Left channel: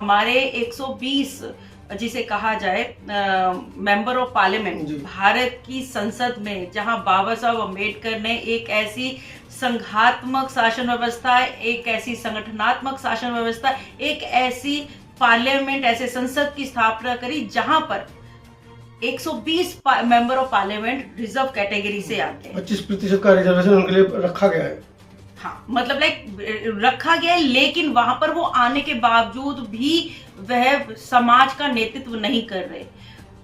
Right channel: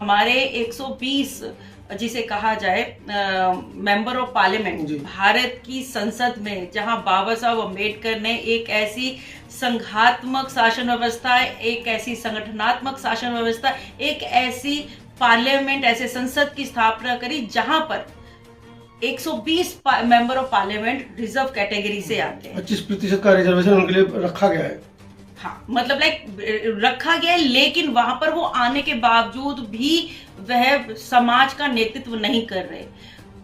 हमारे 120 जिसे कहा जाए मेंबर ऑफ पार्लियामेंट भारत की संसद में, जहां बाबा साहब अम्बेडकर ने एक ऐसी संघात्मक शासन व्यवस्था, एक ऐसी संगठनात्मक शासन व्यवस्था, एक ऐसी पार्लियामेंट, ऐसे संसद की स्थापना करी जहां पर 120 member of parliament reserve category से आते हैं। 25% का रिजर्वेशन उनके लिए रखा गया है। हाँ, मतलब रखा गया है, लेकिन वहां पर वो आने के बावजूद भी वह समाज का नेतृत्व नहीं कर रहे।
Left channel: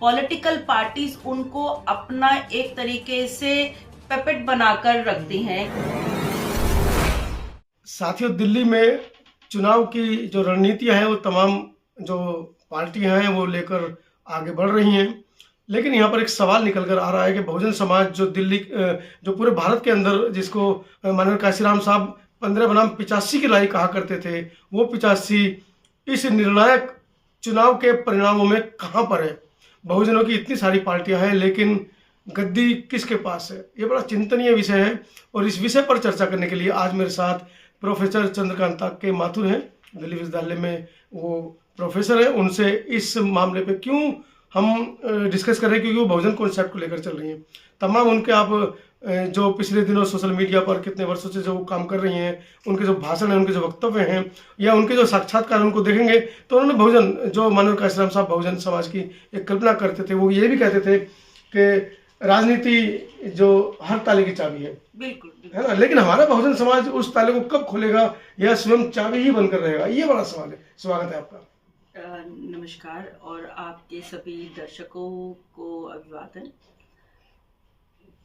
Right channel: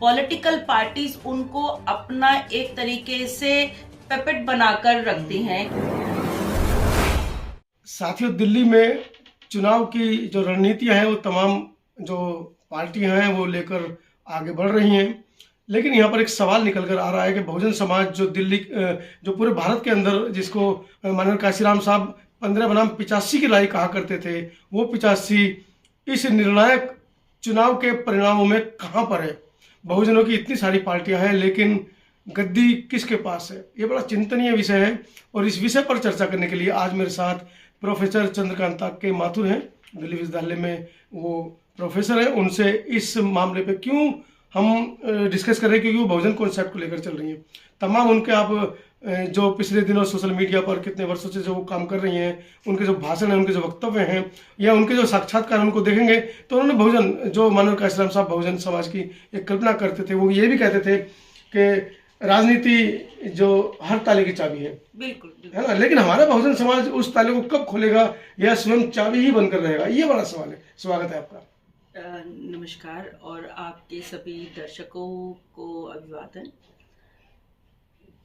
पॉलिटिकल पार्टीज उनको अपना एक तरीके से पेपेट बनाकर रखती हैं। साथियों, दिल्ली में चुनाव की जो रणनीतियां हैं वो तमाम जो पार्टियां हैं वो लेकर आगे बढ़ रही हैं, लेकिन यहाँ पर एक सवाल निकल कर आ रहा है कि बहुजन समाज जो दिल्ली जो पूरे भारत के अंदर, जिसको माननीय काशीराम साहब 15 बनाम 85 की लड़ाई कहा करते थे, वो 85 इस निर्णायक चुनाव के परिणामों में कहाँ पर है। बहुजनों की इतनी सारी पार्टियां हैं, लेकिन गद्दी किसके पास है, ये बड़ा चिंतनीय विषय है। और इस विषय पर चर्चा करने के लिए आज मेरे साथ प्रोफेसर चंद्रकांता के माथुर हैं, दिल्ली विश्वविद्यालय में वो प्रोफेसर है। उनसे इस मामले पे क्यों हम डिस्कस कर रहे हैं, क्योंकि वो बहुजन कॉन्सेप्ट को लेकर चल रही हैं। तमाम उनके आप जो पिछले दिनों सोशल मीडिया पर कितने वर्षों से जो काम कर रही हैं, उनके जो भाषण हैं, उनके जो वक्तव्य हैं, या उनके जो साक्षात्कार उनको देखेंगे तो उन्होंने बहुजन, जो माननीय काशीराम साहब बहुजन समाज की एक कल्पना करते थे, वो ये भी कहते थे कि राजनीति जो हर ताले की चाबी है, बिल्कुल, है ना, लेकिन हमारा बहुजन समाज उस ताले को कब खोलेगा या स्वयं चाबी ही बनकर रहेगा, ये बड़ा सवाल है। स्वागत है आपका। नमस्कार और आपके सभी दर्शकों को अभिवादन।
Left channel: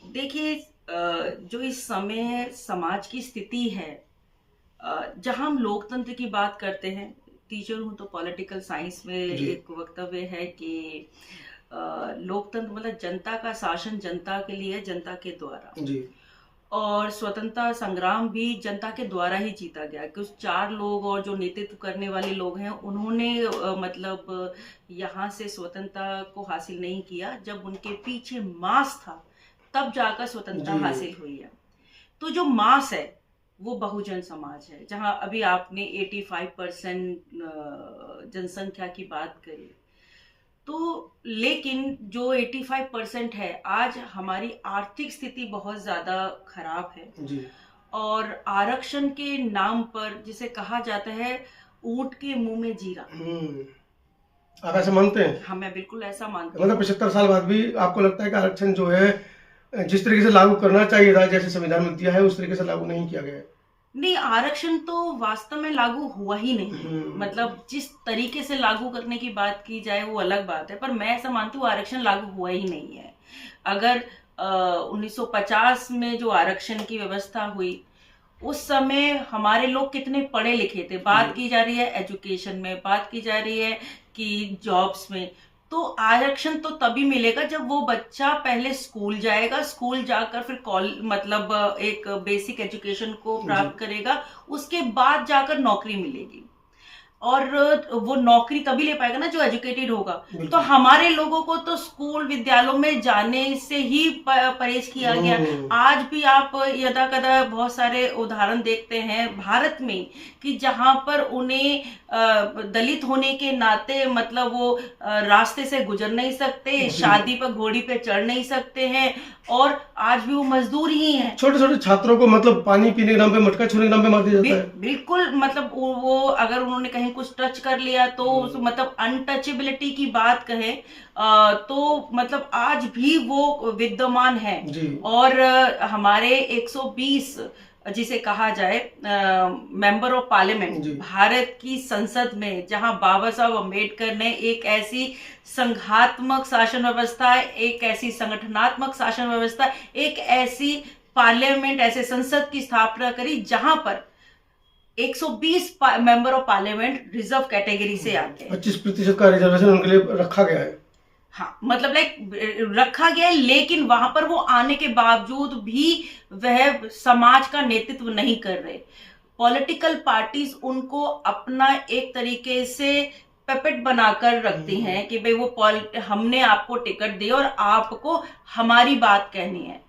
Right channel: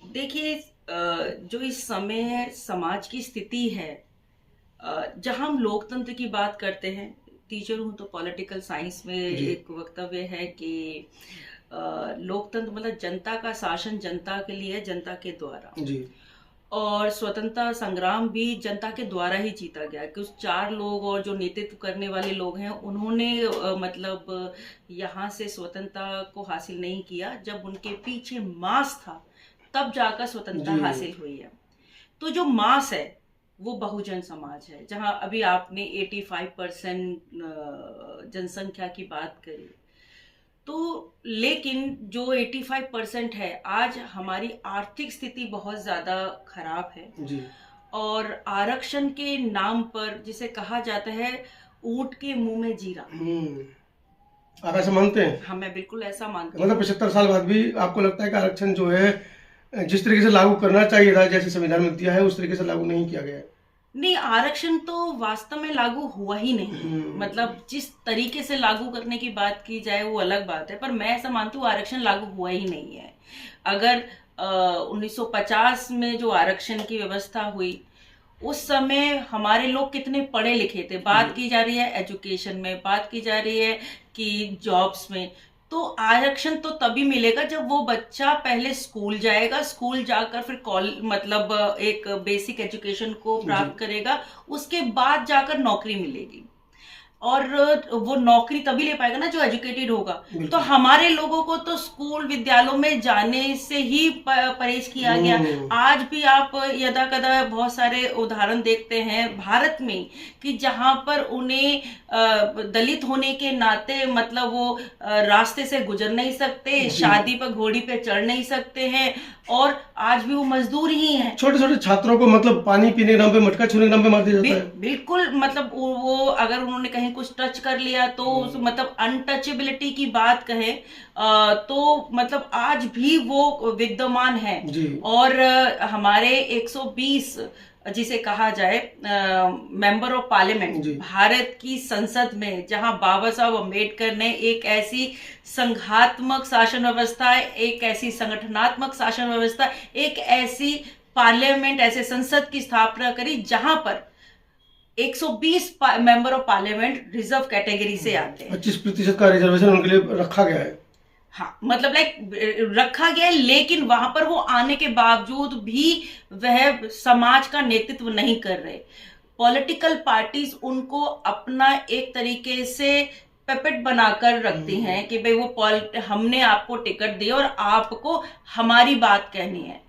देखिए, जो इस समय समाज की स्थिति है, जहां हम लोकतंत्र की बात करते हैं, टीचर हूं तो पॉलिटिकल साइंस में एक वक्तव्य है कि लोकतंत्र मतलब जनता का शासन जनता के लिए, जनता के द्वारा जी। और स्वतंत्रता संग्राम भी जनता के द्वारा ही जीता गया। कुछ 4 लोग और जो नेतृत्व करने वाले लोग हैं, उन्होंने मतलब यहाँ से स्वतंत्रता को हासिल नहीं किया। जब उनके पीछे मास था तब जाकर स्वतंत्रता हासिल हुई है। तो जो मास है वो बहुजन समाज है, जहां अभी आपने 85% जनसंख्या की बात करी, तो लेकिन जो 85% है, आज हमारी आर्थिक स्थिति बहुत ज्यादा खराब है जी। और आरक्षण के नाम पर, जिसे कहा जाता है ऊंट के मुंह में जीरा, आप ऐसा मानते हैं? हाँ, मैं बिल्कुल ऐसा मानती हूँ। मतलब 75 साल बाद भी आपको लगता है कि आरक्षण जो है जिस तरीके से लागू करना चाहिए था, जैसे संविधान में दिया है, उस तरीके से लागू नहीं किया गया? नहीं, आरक्षण तो वास्तव में लागू हुआ ही नहीं। मतलब जिस तरीके से लागू करने की बात की जाए वो अलग बात है, पर मैं ऐसा मानती हूँ आरक्षण लागू हुआ ही नहीं है। अगर 1950 में जो आरक्षण की व्यवस्था हुई, उस समय हमारे लोग कितने पढ़े लिखे थे। बात की जा रही है एजुकेशन में, बात की जा रही है कि जॉब्स में। तो आरक्षण तो तभी मिलेगा जब वो बच्चा पहले स्कूल जाएगा, स्कूल जाकर फिर मतलब एक बेसिक एजुकेशन को प्राप्त करेगा, उसके बाद जाकर नौकरी मिलेगी। और वो नौकरी तभी ले पाएगा ना जो एजुकेटेड होगा। तो हमारे लोगों को तो स्कूल विद्यालयों में जाने से ही परहेज किया गया। आज भी आप यदा कदा बहुत सारे उदाहरण देखते हैं भारत में कि जहां पर उन्हें दलित होने के नाते मतलब वो रास्ते से गुजर नहीं सकते, शादी पर घोड़ी पे चढ़ नहीं सकते हैं, और आज भी वो मजदूर ही हैं। छोटे छोटे छात्रों को मतलब पानी पीने के नाम पे, मटका छूने के नाम पे मार दिया जाता है। बिल्कुल, मतलब वो अगर उन्होंने कहीं कुछ टच कर लिया तो मतलब अनटचेबिलिटी की बात कहें तो मतलब आज भी वो विद्यमान है। और हमारे 120 जिसे कहा जाए मेंबर ऑफ पार्लियामेंट भारत की संसद में, जहां बाबा साहब अम्बेडकर ने एक ऐसी संघात्मक शासन व्यवस्था, एक ऐसी संगठनात्मक शासन व्यवस्था, एक ऐसी पार्लियामेंट, ऐसे संसद की स्थापना करी जहां पर 120 member of parliament reserve category से आते हैं। 25% का रिजर्वेशन उनके लिए रखा गया है। हाँ, मतलब रखा गया है, लेकिन वहां पर वो आने के बावजूद भी वह समाज का नेतृत्व नहीं कर रहे। पॉलिटिकल पार्टीज उनको अपना एक तरीके से पेपेट बनाकर रखती हैं कि भाई वो हमने आपको टिकट दी और आपको हमारी बात कहनी है।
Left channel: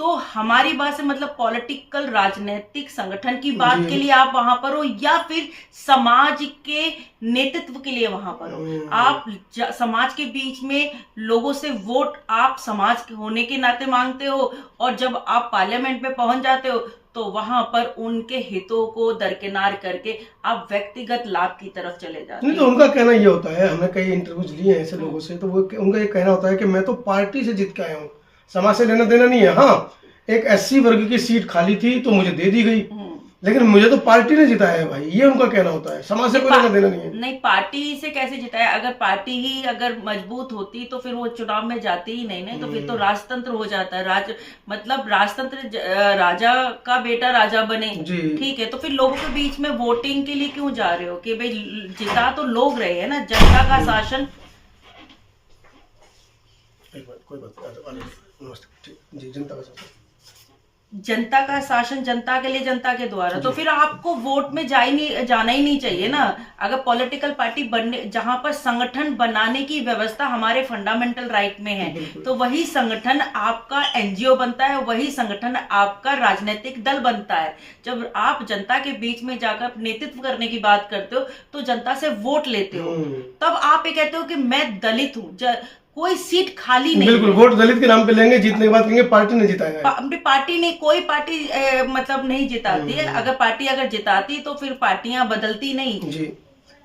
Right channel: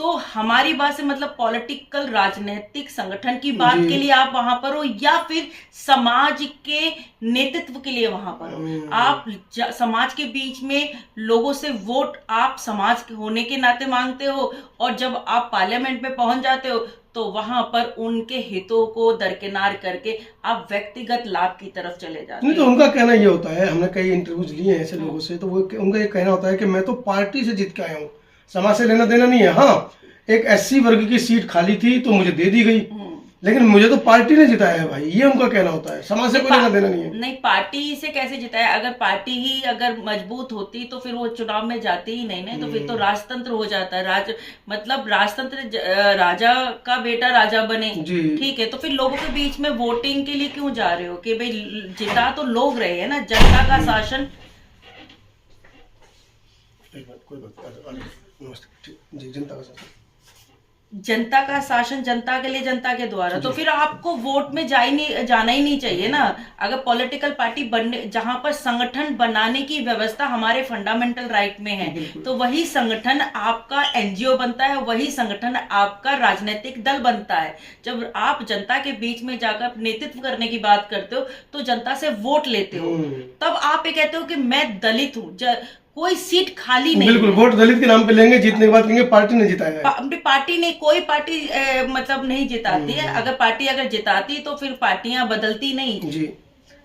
तो हमारी बात से मतलब पॉलिटिकल राजनीतिक संगठन की बात जी। के लिए आप वहां पर हो, या फिर समाज के नेतृत्व के लिए वहां पर हो? आप समाज के बीच में लोगों से वोट आप समाज के होने के नाते मांगते हो, और जब आप पार्लियामेंट में पहुंच जाते हो तो वहां पर उनके हितों को दरकिनार करके आप व्यक्तिगत लाभ की तरफ चले जाते नहीं, हो। तो उनका कहना ये होता है, हमने कई इंटरव्यूज लिए हैं ऐसे लोगों से, तो वो उनका ये कहना होता है कि मैं तो पार्टी से जीत के आया हूँ, समाज से लेना देना नहीं है। हाँ, एक एससी वर्ग की सीट खाली थी तो मुझे दे दी गई, लेकिन मुझे तो पार्टी ने जिताया है भाई, ये उनका कहना होता है, समाज से कोई लेना देना नहीं है। नहीं, पार्टी से कैसे जिताया? अगर पार्टी ही अगर मजबूत होती तो फिर वो चुनाव में जाती ही नहीं, तो फिर तो राजतंत्र हो जाता है। मतलब राजतंत्र, राजा का बेटा राजा बने, ठीक है, तो फिर लोगों के बीच में वोटिंग के लिए क्यों जा रहे हो? कि भाई जिता तो लोग रहे हैं ना, जनता का शासन। कोई बात नमस्ते जी। जनता का शासन, जनता का शासन जनता के लिए, जनता के द्वारा, तो फिर आपको वोट में जाना ही नहीं चाहिए ना। अगर पॉलिटिकल पार्टी बनने, जहां पर संगठन बनाने की व्यवस्था हमारे फंडामेंटल राइट में है, तो वही संगठन आपका एनजीओ बनता है, वही संगठन आपका राजनीतिक दल बनता है। जब आप जनता के बीच में जाकर नेतृत्व करने की बात करते हो तो जनता से वोट लेते हो, तब आप ये कहते हो कि मैं दलित हूँ, कोई सीट खाली नहीं। बिल्कुल, वोट दलित के नाम पे लेंगे, जीतने के बाद कहेंगे पार्टी ने जिताया है। पार्टी ने, कोई पार्टी मतलब नहीं जिताती है। अगर पार्टी अगर जिताती तो फिर पार्टियां बदलती नहीं जी।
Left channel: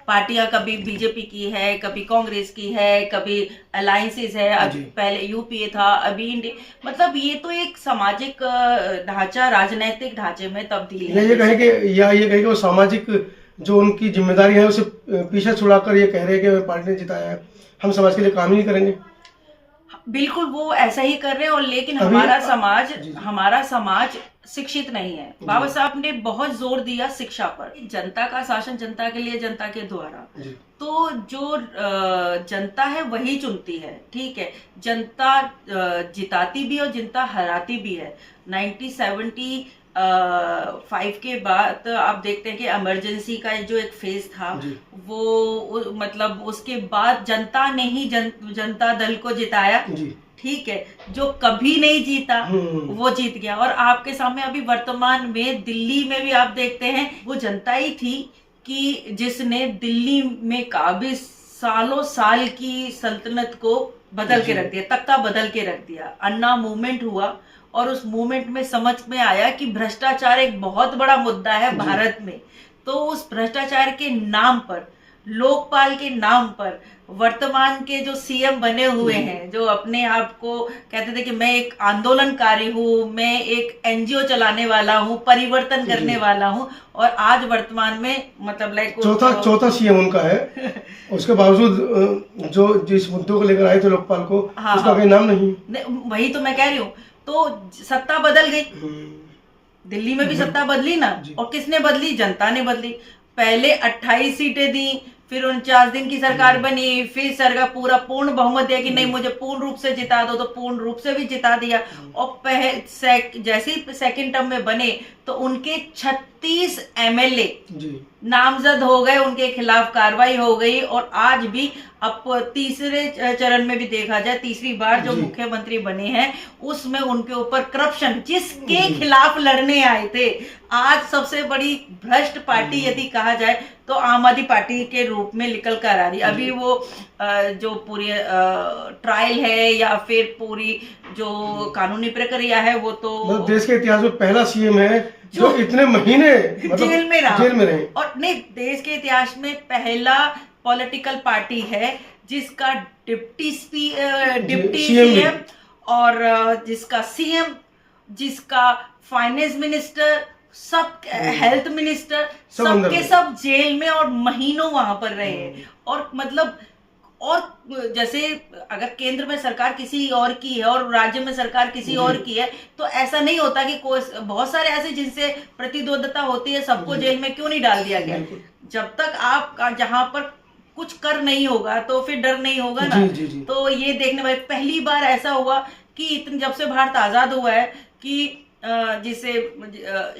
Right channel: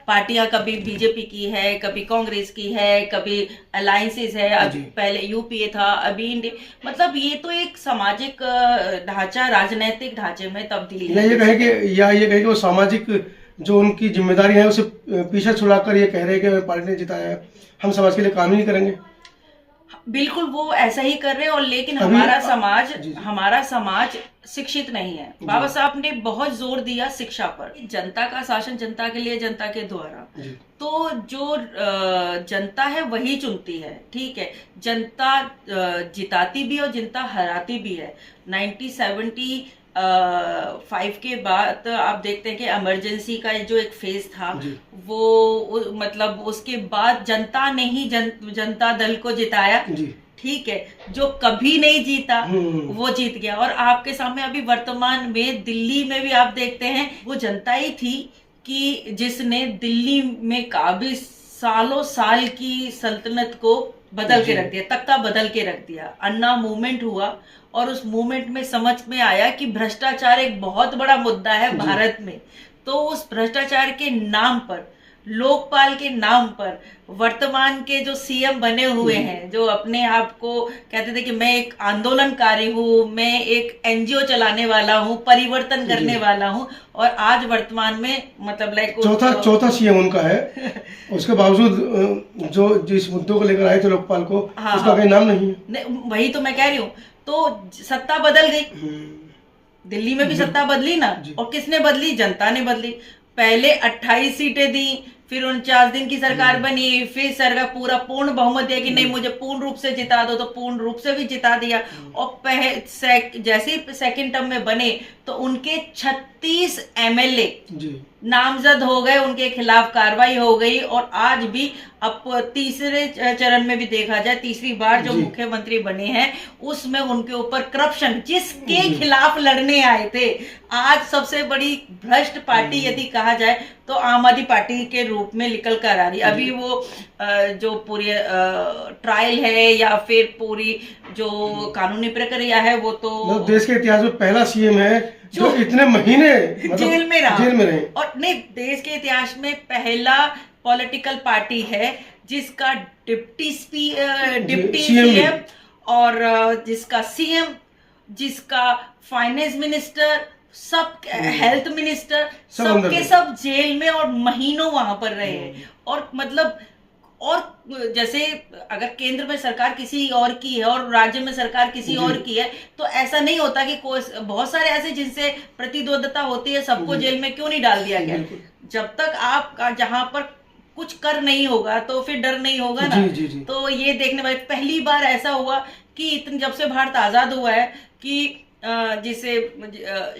पार्टियां कभी बीजेपी की है, कभी कांग्रेस की है, कभी अलायंसेस है, अभी पहले यूपीए था, अभी इंडिया, मतलब ये तो एक सामाजिक ढांचा, राजनीतिक ढांचे में तब्दीली है। ये कहें कि वो सामाजिक जो उनकी जिम्मेदारी है उसे पीछे छुड़ाकर ये कह रहे हैं कि पार्टी ने जिताया है, हम समाज के लिए काम नहीं करेंगे। बिल्कुल, वो ऐसा ही कर रहे हैं। और लेकिन हमारा समाज शिक्षित नहीं है। बाबा साहब ने बहुत जोर दिया शिक्षा पर। जनता का शासन जनता के लिए, जनता के द्वारा, तो जो जनता है वही चुनती है, ठीक है। जनता जिताती भी और जनता हराती भी है। 1975 के बाद आप देखते हैं कि इमरजेंसी का जो एक फेज था, वो मतलब उसके बाद जनता ने ही जनता दल को जिताया, ठीक है। जो कभी नहीं जीता वो जीत गया। और आपके सामने अभी वर्तमान में दिल्ली में भी आप देखते हैं, वो जनता ही थी कि जिसने दिल्ली में काफी सालों साल की सल्तनत को बदल के रख दिया, तख्ता बदल के रख दिया। अन्ना मूवमेंट हुआ और उस मूवमेंट में समझ में आया कि भ्रष्टाचार एक बहुत बड़ा मुद्दा है भारत में। तो उस भ्रष्टाचार के नाम पर, लोकपाल के नाम पर वर्तमान के जो सीएम बने हुए हैं, जो अपने आप को कहते थे कि मैं एक आंदोलनकारी हूँ, मैं एक एनजीओ चलाने वाला हूँ, परिवर्तन करने वाला हूँ, और आज वर्तमान में मतलब लाइक चौथा सीएम उनका है। उसके बावजूद जो जिस मुद्दों को लेकर आए थे लोकपाल को, उसका कोई नाम नहीं है। वही तो मैं कह रही हूँ। तो सत्ता बदल गई, दिल्ली में भी सत्ता बदली ना, और किसने बदली? जनता ने बदली। पहले 28 सीटें दी, फिर 49 दिन की सरकार बनी, फिर सरकार पूरा पूर्ण बहुमत दिया कि नहीं मुझे पूर्ण रूप से जिता दो, तो पूर्ण रूप से भी जिता दिया। और जैसे ही सेकंड टर्म में बने तो उनके 36 एमएलए नामजद हो गए, उनके खिलाफ कार्रवाई हो गई। और आज भी अब तीसरे चरण में भी देखा जाए, तीसरी बार जो मुख्यमंत्री बने हैं उसमें उनके ऊपर करप्शन, जिसके खिलाफ लड़ने आए थे, आज सबसे बड़ी भ्रष्ट पार्टी यदि कहा जाए तो आम आदमी पार्टी के रूप में निकल कर आ रही। अभी वो जो पूरी ट्रायल है या फिर पूरी जो कानूनी प्रक्रिया है, वो तो देश के इतिहास में पहला सीएम है जो इतने महीने जेल में रहे। और नहीं, देश के इतिहास में पहला पॉलिटिकल पार्टी है जिसका डिप्टी सीएम और जिसका सीएम, जिसका फाइनेंस मिनिस्टर, सब हेल्थ मिनिस्टर, सबके सब जेल में और महीनों वहां पर रहे। और मतलब, और जैसे अगर केंद्र में सरकार किसी और की है और राज्य में सरकार किसी और की है, तो ऐसा नहीं होता कि कोई, बहुत सारे ऐसे जिनसे प्रतिद्वंदता होती है, सबको जेल में क्यों नहीं डाल दिया गया? जब तक आप जहां पर कुछ कर नहीं होगा तो फिर डर नहीं होगा ना। तो ये देखने वाले, पहली बार ऐसा हुआ कि इतने जब से भारत आजाद हुआ है कि जिसे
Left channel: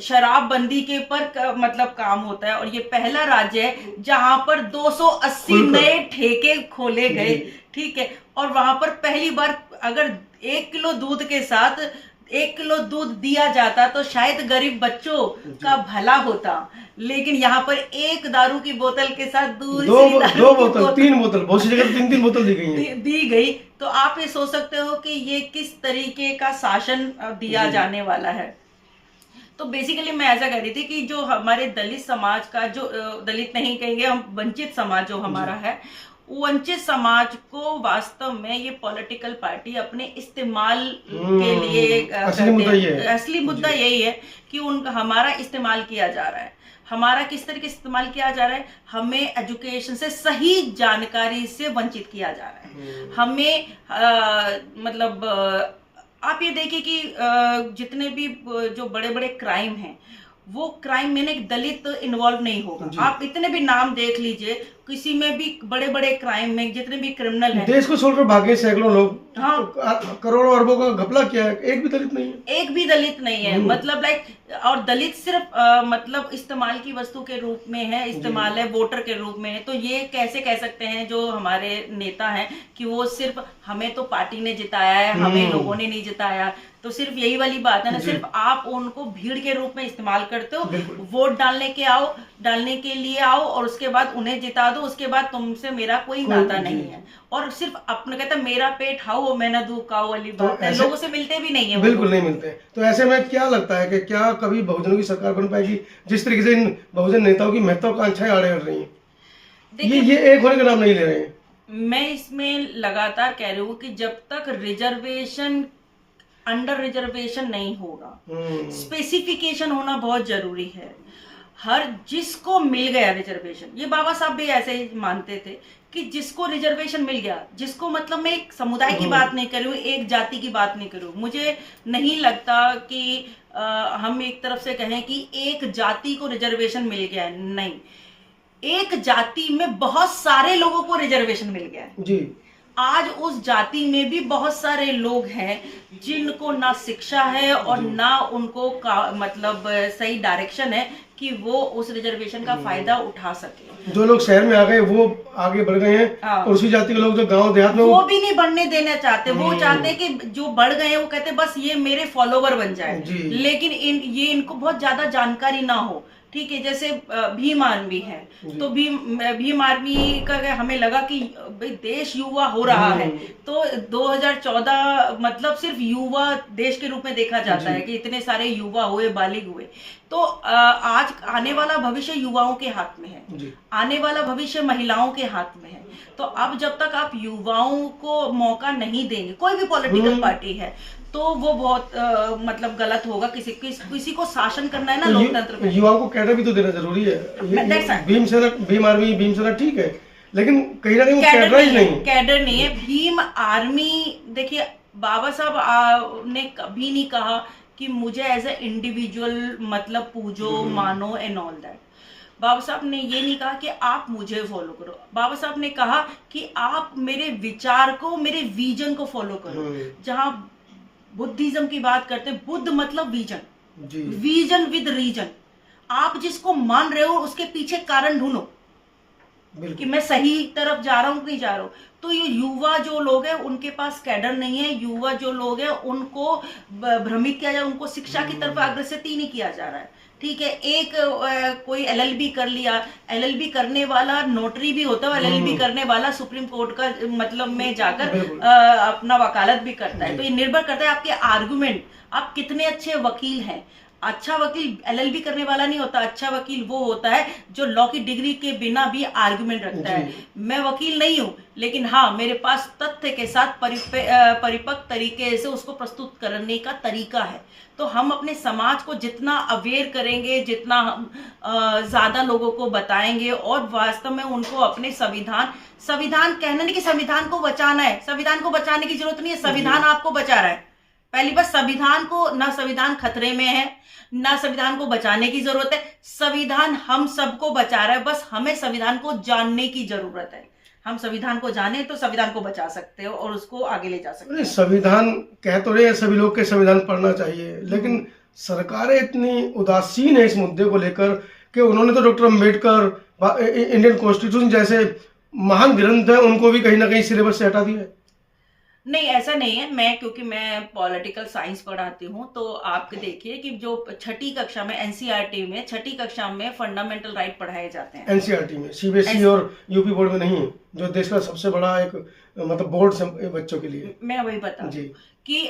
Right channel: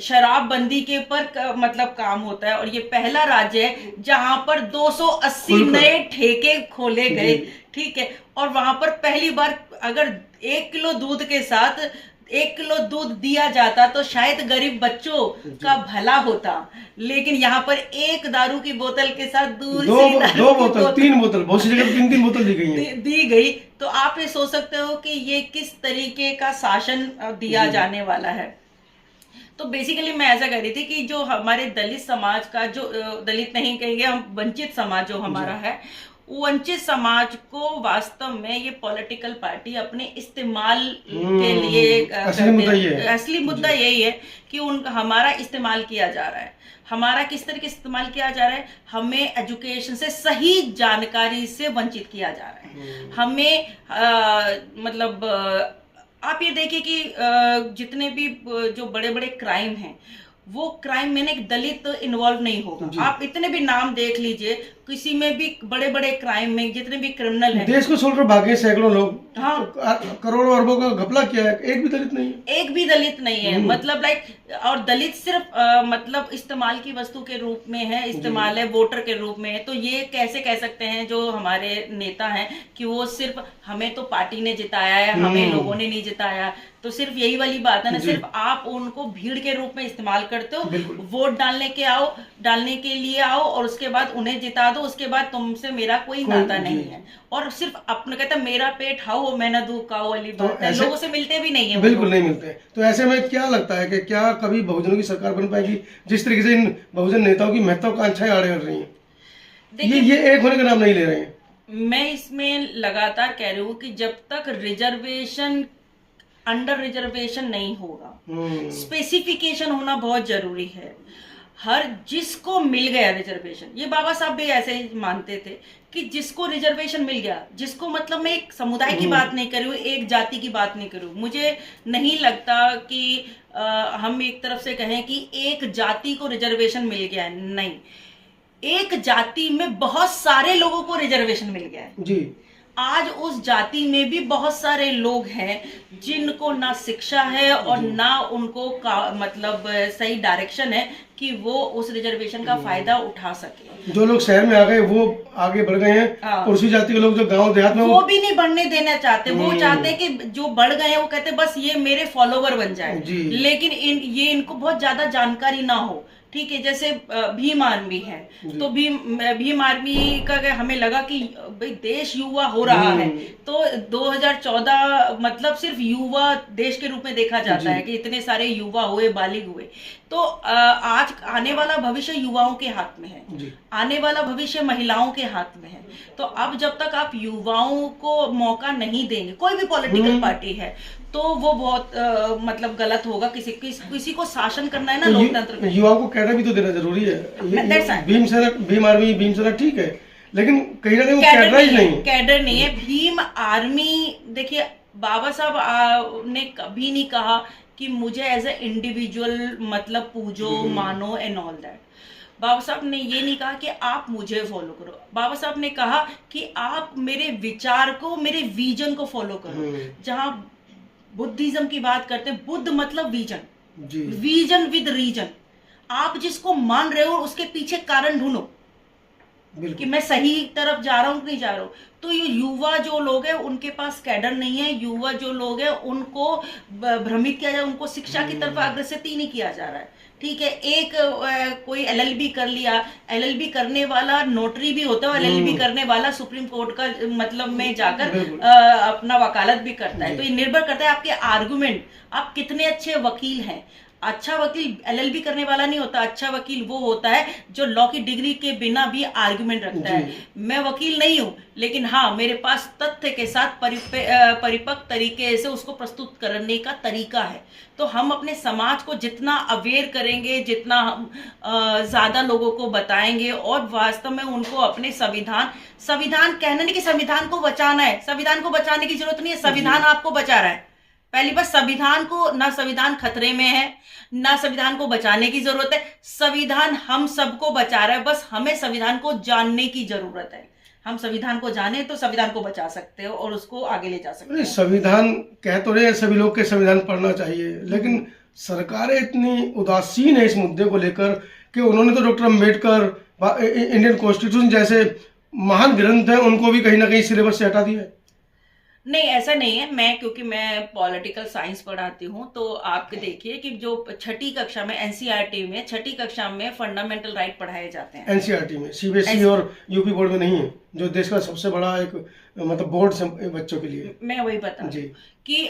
शराबबंदी के ऊपर मतलब काम होता है, और ये पहला राज्य है जहां पर 280 नए ठेके खोले गए, ठीक है। और वहां पर पहली बार अगर 1 किलो दूध के साथ 1 किलो दूध दिया जाता तो शायद गरीब बच्चों का भला होता, लेकिन यहाँ पर एक दारू की बोतल के साथ दो बोतल 3 बोतल, बहुत सी जगह 3 बोतल दी गई है। दी गई। तो आप ये सोच सकते हो कि ये किस तरीके का शासन दिया जाने वाला है। तो बेसिकली मैं ऐसा कह रही थी कि जो हमारे दलित समाज का, जो दलित नहीं कहेंगे हम, वंचित समाज जो हमारा है, वंचित समाज को वास्तव में ये पॉलिटिकल पार्टी अपने इस्तेमाल के लिए असली मुद्दा यही है कि हमारा इस्तेमाल किया जा रहा है। हमारा किस तरह के इस्तेमाल किया जा रहा है? हमें एजुकेशन से, सही जानकारी से वंचित किया जा रहा है। हमें मतलब आप ये देखिए कि जितने भी जो बड़े बड़े क्राइम हैं, वो क्राइम में एक दलित इन्वॉल्व नहीं होगा। आप इतने भी नाम देख लीजिए, किसी में भी बड़े बड़े क्राइम में जितने भी क्रिमिनल हैं, देश को छोड़कर भागे सैकड़ों लोग। हाँ, तो करोड़ों अरबों का घपला किया है, एक भी दलित नहीं है। एक भी दलित नहीं है। मतलब लाइक, और दलित सिर्फ मतलब इस्तेमाल की वस्तु के रूप में है, इस्तेमाल है, वोटर के रूप में है। तो ये कैसे कह सकते हैं जो हमारे नेता हैं कि वो सिर्फ हमें तो पार्टी ने जिताया है, हमें लोगों ने नहीं जिताया। तो सिर्फ यही वाली बात है ना, सिर्फ आप उनको भीड़ के रूप में इस्तेमाल करते हो, वोट डालने के लिए आओ और उसके बाद उन्हें जिता दो, उसके बाद तुमसे मेरा कोई नाता नहीं है। और सिर्फ अपने कहता मेरा पेट खाओ मैं ना दूध खाओ वाली बात है। लोगों से मिलते भी नहीं है, बिल्कुल नहीं मिलते। तो ऐसे में क्या लगता है कि क्या कभी बहुजनों की सरकार बन पाएगी, जिस तरीके से इन बहुजन नेताओं की महत्वाकांक्षाएं आड़े हट रही हैं? ये एक होने का नाम नहीं ले रहे हैं। मैं इसमें लगातार कह रही हूँ कि जब तक रिजर्वेशन, अंडर रिजर्वेशन नहीं होगा, स्पेसिफिकेशन होना बहुत जरूरी है। हर जिसको मिल गया रिजर्वेशन, ये बाबा साहब भी ऐसे ही मानते थे कि जिसको रिजर्वेशन मिल गया, जिसको, मतलब मैं एक समुदाय की बात नहीं कर रही हूँ, एक जाति की बात नहीं कर रही हूँ। मुझे नहीं लगता कि हम एक तरफ से कहें कि एक जाति को रिजर्वेशन मिल गया है। नहीं, एक जाति में बहुत सारे लोगों को रिजर्वेशन मिल गया है जी। आज उस जाति में भी बहुत सारे लोग हैं जिनको ना शिक्षा है और ना उनको मतलब सही डायरेक्शन है कि वो उस रिजर्वेशन का फायदा उठा सके। जो लोग शहर में आ गए वो आगे बढ़ गए हैं, और उसी जाति के लोग जो गांव देहात में, वो भी नहीं बढ़ने देना चाहते। वो चाहते हैं कि जो बढ़ गए हैं वो कहते हैं बस ये मेरे फॉलोवर बन जाए, लेकिन ये इनको बहुत ज्यादा जानकारी ना हो। ठीक है, जैसे भीम आर्मी है, तो भीम आर्मी का हमें लगा कि भाई देश युवा हो रहा है, तो 2014 मतलब सिर्फ युवा देश के रूप में देखा जाता है कि इतने सारे युवा हुए, बालिग हुए। तो आज आने वाला भविष्य युवाओं के हाथ में है, आने वाला भविष्य महिलाओं के हाथ में है। तो अब जब तक आप युवाओं को मौका नहीं देंगे, कोई भी पॉलिटिकल पार्टी है, तो वो बहुत मतलब गलत होगा। किसी को शासन करना है ना लोकतंत्र में, युवाओं को कैडर भी तो देना जरूरी है। भीम आर्मी, भीम सेना ठीक है, लेकिन कहीं ना कहीं वो कैडर नहीं है। भीम आर्मी, देखिए बाबा साहब ने कभी नहीं कहा कि मुझे एज ए इंडिविजुअल मतलब पूजो, मानो एंड ऑल दैट। बाबा साहब ने ये नहीं कहा कि आप मुझे फॉलो करो। बाबा साहब ने कहा कि आप मेरे विचार को, मेरे विजन को फॉलो करो। जहां बुद्धिज्म की बात करते हैं, बुद्ध मतलब विजन, विजन विद रीजन। आप जिसको मान रहे हो उसके पीछे कारण ढूंढो कि मैं सही तरफ जा रहा हूं कि नहीं जा रहा हूं। तो ये युवा जो लोग हैं उनके पास कैडर नहीं है। युवा जो लोग हैं उनको भ्रमित किया जा, उनको शिक्षा की तरफ अग्रसित ही नहीं किया जा रहा है। ठीक है, एक कोई एलएलबी कर लिया, एलएलबी करने वाला नोटरी भी होता है, एलएलबी करने वाला सुप्रीम कोर्ट का मतलब में जाकर अपना वकालत भी करता है। तो ये निर्भर करता है आपके आर्गुमेंट, आप कितने अच्छे वकील हैं। अच्छा वकील एलएलबी करने वाला नहीं होता, अच्छा वकील वो होता है जो लॉ की डिग्री के बिना भी आर्गुमेंट रखता है। मैं वकील नहीं हूं, लेकिन हाँ मेरे पास तथ्य के साथ परिपक्व तरीके से उसको प्रस्तुत करने का तरीका है। तो हम अपने समाज को जितना अवेयर करेंगे, जितना हम ज्यादा लोगों को बताएंगे और वास्तव में उनको अपने संविधान कहना नहीं कि संविधान को बचाना है, संविधान को बचाने की जरूरत नहीं है, संविधान आपको बचा रहा है। पहली बात, संविधान को, ना संविधान खतरे में है, ना संविधान को बचाने की जरूरत है। संविधान हम सबको बचा रहा है, बस हमें संविधान को जानने की जरूरत है। हम संविधान को जाने तो संविधान को बचा सकते हो और उसको आगे ले जा सकते हो। संविधान कह तो रहे हैं सभी लोग के संविधान पढ़ना चाहिए, लेकिन सरकारें इतनी उदासीन है इस मुद्दे को लेकर कि उन्होंने तो डॉक्टर अम्बेडकर, इंडियन कॉन्स्टिट्यूशन जैसे महान ग्रंथ है, उनको भी कहीं ना कहीं सिलेबस से हटा दिया है। नहीं, ऐसा नहीं है। मैं क्योंकि मैं पॉलिटिकल साइंस पढ़ाती हूँ, तो आप देखिए कि जो छठी कक्षा में एनसीईआरटी में छठी कक्षा में फंडामेंटल राइट पढ़ाए जाते हैं। एनसीईआरटी में, सीबीएसई और यूपी बोर्ड में नहीं है, जो देश का सबसे बड़ा एक मतलब बोर्ड से बच्चों के लिए। मैं वही बता जी कि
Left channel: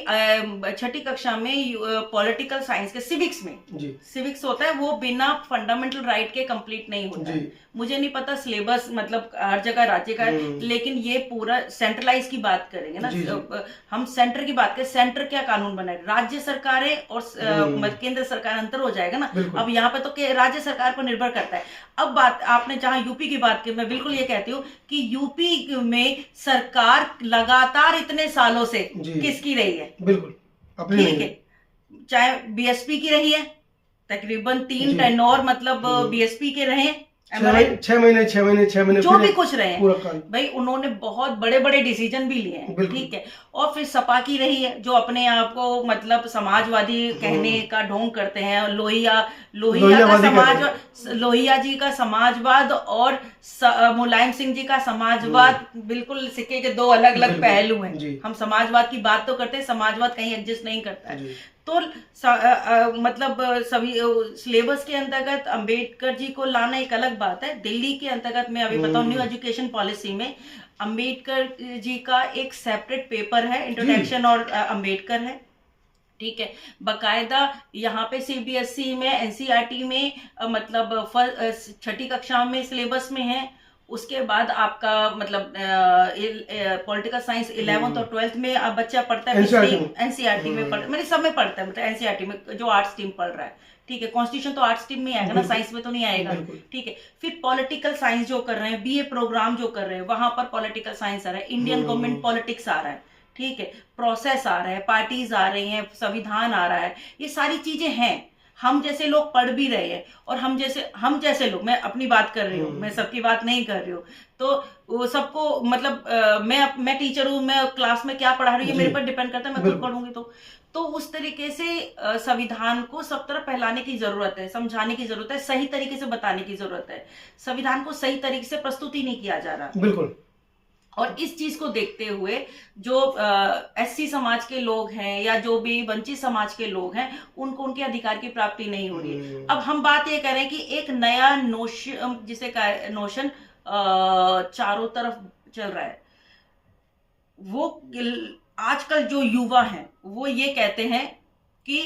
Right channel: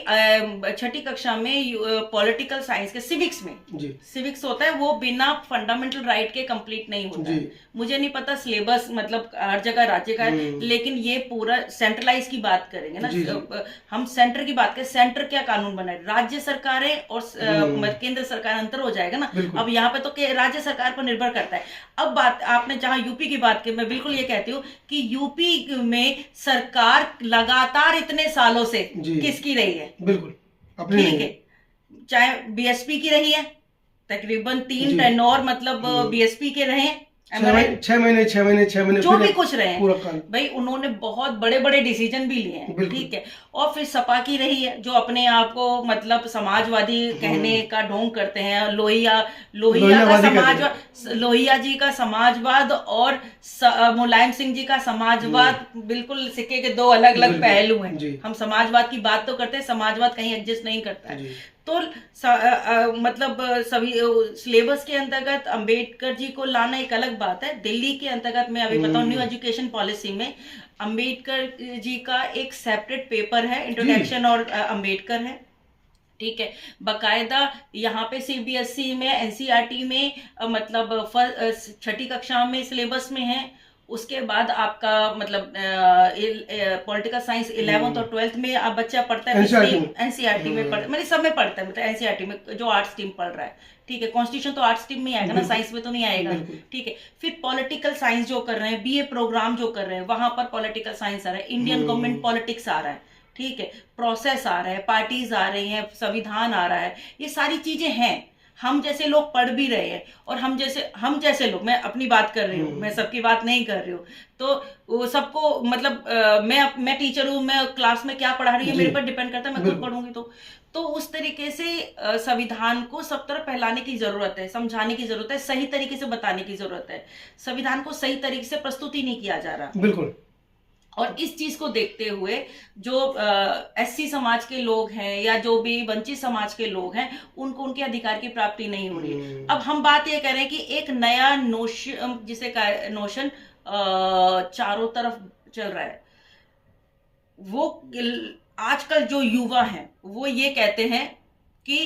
छठी कक्षा में पॉलिटिकल साइंस के सिविक्स में जी सिविक्स होता है, वो बिना फंडामेंटल राइट के कंप्लीट नहीं होता जी। है। मुझे नहीं पता सिलेबस मतलब हर जगह राज्य का है, लेकिन ये पूरा सेंट्रलाइज की बात करेंगे ना। जी, हम सेंटर की बात करें, सेंटर क्या कानून बनाए, राज्य सरकारें और केंद्र सरकार, अंतर हो जाएगा ना। अब यहाँ पे तो राज्य सरकार पर निर्भर करता है। अब बात आपने जहां यूपी की बात की, मैं बिल्कुल ये कहती हूँ कि यूपी में सरकार लगातार इतने सालों से किसकी रही है? बिल्कुल अपनी ठीक है, चाहे बीएसपी की रही है, तकरीबन 3 टेन्योर मतलब बीएसपी के रहे हैं, 6 महीने जो भी कुछ रहे पूरा हैं भाई, उन्होंने बहुत बड़े बड़े डिसीजन भी लिए हैं, ठीक है। और फिर सपा की रही है, जो अपने आप को मतलब समाजवादी कहने का ढोंग करते हैं। लोहिया जी का समाजवाद और मुलायम सिंह जी का समाजवाद बिल्कुल सिक्के के दो अलग अलग पहलू हैं। हम समाजवाद की बात तो करते हैं, समाजवाद कहीं एडजस्ट नहीं करता है। तो मतलब सभी सिलेबस के अंतर्गत अंबेडकर जी को लाना एक अलग बात है। दिल्ली के अंतर्गत मैं अभी बताऊं, न्यू एजुकेशन पॉलिसी में अंबेडकर जी का एक सेपरेट पेपर है, इंट्रोडक्शन और अंबेडकर है, ठीक है। बकायदा यहाँ पे सीबीएसई में, एनसीईआरटी में मतलब छठी कक्षा में सिलेबस में है। उसके बाद आपका मतलब पॉलिटिकल साइंस 11th और 12th में अब बच्चा पढ़ता है, एनसीईआरटी में मतलब सब में पढ़ता है, मतलब एनसीईआरटी में जो आर्ट स्ट्रीम पढ़ रहा है, ठीक है। कॉन्स्टिट्यूशन तो आर्ट स्ट्रीम में आएगा ना, साइंस में तो नहीं आएगा, ठीक है। फिर पॉलिटिकल साइंस जो कर रहे हैं, बीए प्रोग्राम जो कर रहे हैं, वहां पर पॉलिटिकल साइंस आ रहा है, इंडियन गवर्नमेंट पॉलिटिक्स आ रहा है, ठीक है, प्रोसेस आ रहा है, पार्टीज आ रही हैं, संविधान आ रहा है, ये सारी चीजें हैं। हम जैसे लोग पढ़ भी रहे हैं, और हम जैसे लोग, मैं अपनी बात कर रही हूँ, मैं सबकी बात नहीं कर रही हूँ, तो वो सबको मतलब मैं टीचर हूँ, मैं क्लास में क्या पढ़ा रही हूँ मेरे पर डिपेंड करता है, मैं खुद पढ़ूंगी तो उस तरीके से संविधान को सब तरफ फैलाने की जरूरत है, समझाने की जरूरत है, सही तरीके से बताने की जरूरत है। संविधान को सही तरीके से प्रस्तुत ही नहीं किया जा रहा। बिल्कुल। और इस चीज को देखते हुए जो एससी समाज के लोग हैं या जो भी वंचित समाज के लोग हैं, उनको उनके अधिकार की प्राप्ति नहीं हो रही है। अब हम बात ये कर रहे हैं कि एक नया नोशन, जिसे नोशन चारों तरफ चल रहा है, वो आजकल जो युवा हैं वो ये कहते हैं कि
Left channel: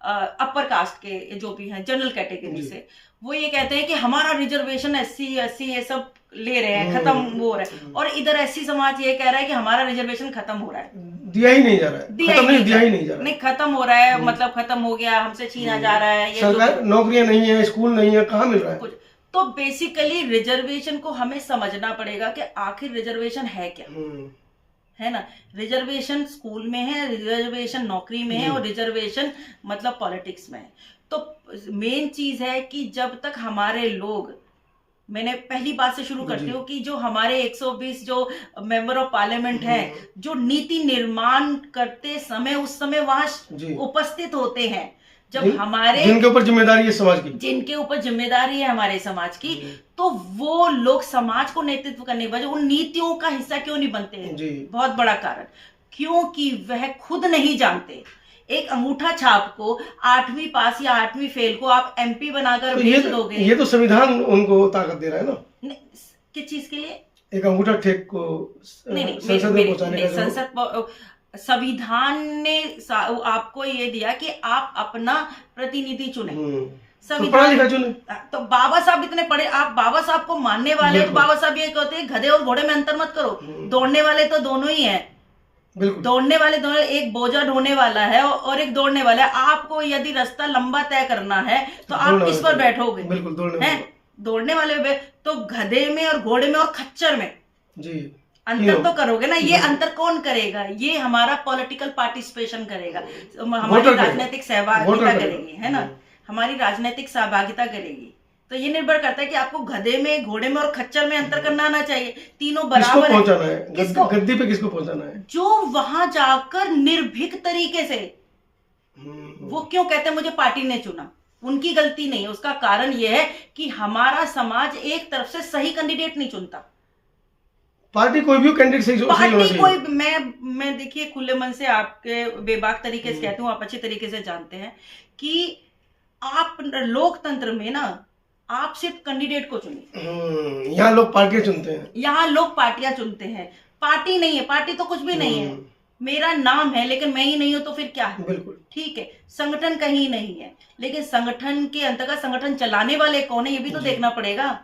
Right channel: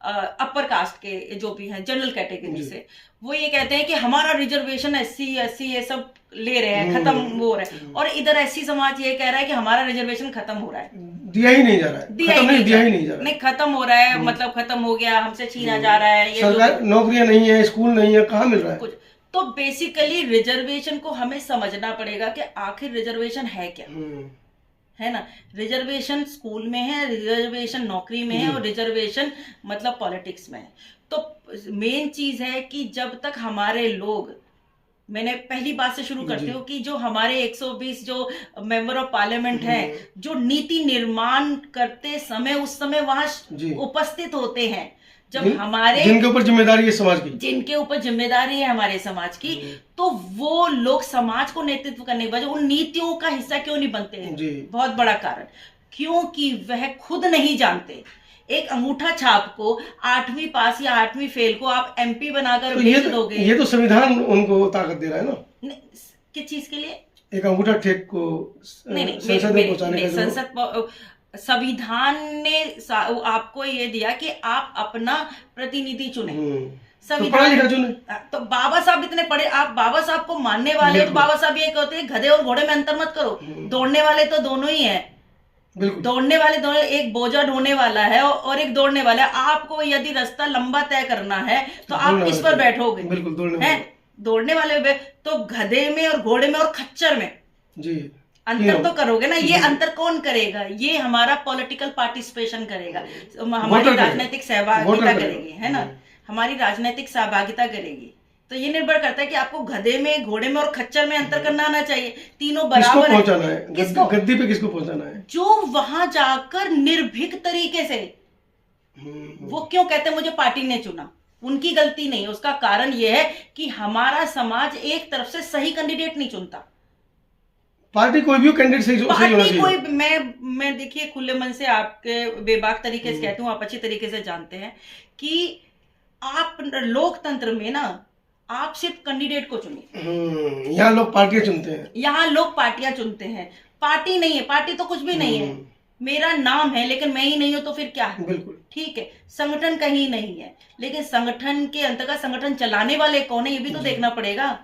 अपर कास्ट के जो भी हैं, जनरल कैटेगरी से, वो ये कहते हैं कि हमारा रिजर्वेशन एससी ये सब ले रहे हैं, खत्म हो रहा है। और इधर एससी समाज ये कह रहा है कि हमारा रिजर्वेशन खत्म हो रहा है, दिया ही नहीं जा रहा है, दिया ही नहीं जा रहा है, नहीं खत्म हो रहा है, मतलब खत्म हो गया, हमसे छीना जा रहा है, ये नौकरियां नहीं है, स्कूल नहीं है, कहाँ मिल रहा है कुछ। तो बेसिकली रिजर्वेशन को हमें समझना पड़ेगा कि आखिर रिजर्वेशन है क्या, है ना। रिजर्वेशन स्कूल में है, रिजर्वेशन नौकरी में है, और रिजर्वेशन मतलब पॉलिटिक्स में है। तो मेन चीज है कि जब तक हमारे लोग, मैंने पहली बात से शुरू करती हूँ कि जो हमारे 120 जो मेंबर ऑफ पार्लियामेंट हैं, जो नीति निर्माण करते समय उस समय वहां उपस्थित होते हैं, जब हमारे जिनके ऊपर जिम्मेदारी है समाज की, जिनके ऊपर जिम्मेदारी है हमारे समाज की, तो वो लोग समाज को नेतृत्व करने के बजाय उन नीतियों का हिस्सा क्यों नहीं बनते हैं? बहुत बड़ा कारण, क्योंकि वह खुद नहीं जानते। एक अंगूठा छाप को 8वीं पास या 8वीं फेल को आप एमपी बनाकर भेज दोगे, ये तो संविधान उनको ताकत दे रहा है ना। किस चीज के लिए? एक अंगूठा टेक को संसद में पहुंचाने का, संसद संविधान ने आपको ये दिया कि आप अपना प्रतिनिधि चुने, संविधान चुने। तो बाबा साहब इतने पढ़े, आप बाबा साहब को मानने वाले हो, तो बाबा साहब ये कहते हैं गधे और घोड़े में अंतर मत करो, दौड़ने वाले तो दोनों ही हैं, दौड़ने वाले दोनों, एक बोझा ढोने वाला है और एक दौड़ने वाला है। आपको यदि रास्ता लंबा तय करना है तो आप किस पर बैठोगे? बिल्कुल दौड़ने वाले, तो गधे में और घोड़े में और खच्चर में जी अंतर तो करोगे ना। ये अंतर कौन करेगा? ये हमारा पॉलिटिकल पार्टिसिपेशन करेगा, हमारी राजनीतिक सहभागिता करेगी, है ना, हमारी राजनीतिक सहभागिता करेगी। तो ये निर्भर करता है कि आपको गधे में, घोड़े में और खच्चर में अंतर करना आना चाहिए। तीनों बराबर पहुंचाना है, गद्दी पे किसको पहुंचाना है? जो वहां जाकर निर्भीक तरीके से, वो क्यों कहते हैं मुझे पार्टी ने चुना, उनकी गलती नहीं है। उसका कारण यह है कि हमारा समाज एक तरफ से सही कैंडिडेट नहीं चुनता, पार्टी कोई भी कैंडिडेट सही होना पार्टी चाहिए। कोई मैं देखिए खुले मन से आपके बेबाक तरीके से कहती हूँ, आप अच्छी तरीके से जानते हैं कि आप लोकतंत्र में ना आप सिर्फ कैंडिडेट को चुनिए। यहाँ लोग पार्टियां चुनते हैं। यहाँ लोग पार्टियां चुनते हैं, पार्टी नहीं है, पार्टी तो कुछ भी नहीं है। मेरा नाम है लेकिन मैं ही नहीं हूं तो फिर क्या है? बिल्कुल ठीक है, संगठन कहीं नहीं है लेकिन संगठन के अंतर्गत संगठन चलाने वाले कौन है ये भी तो देखना पड़ेगा।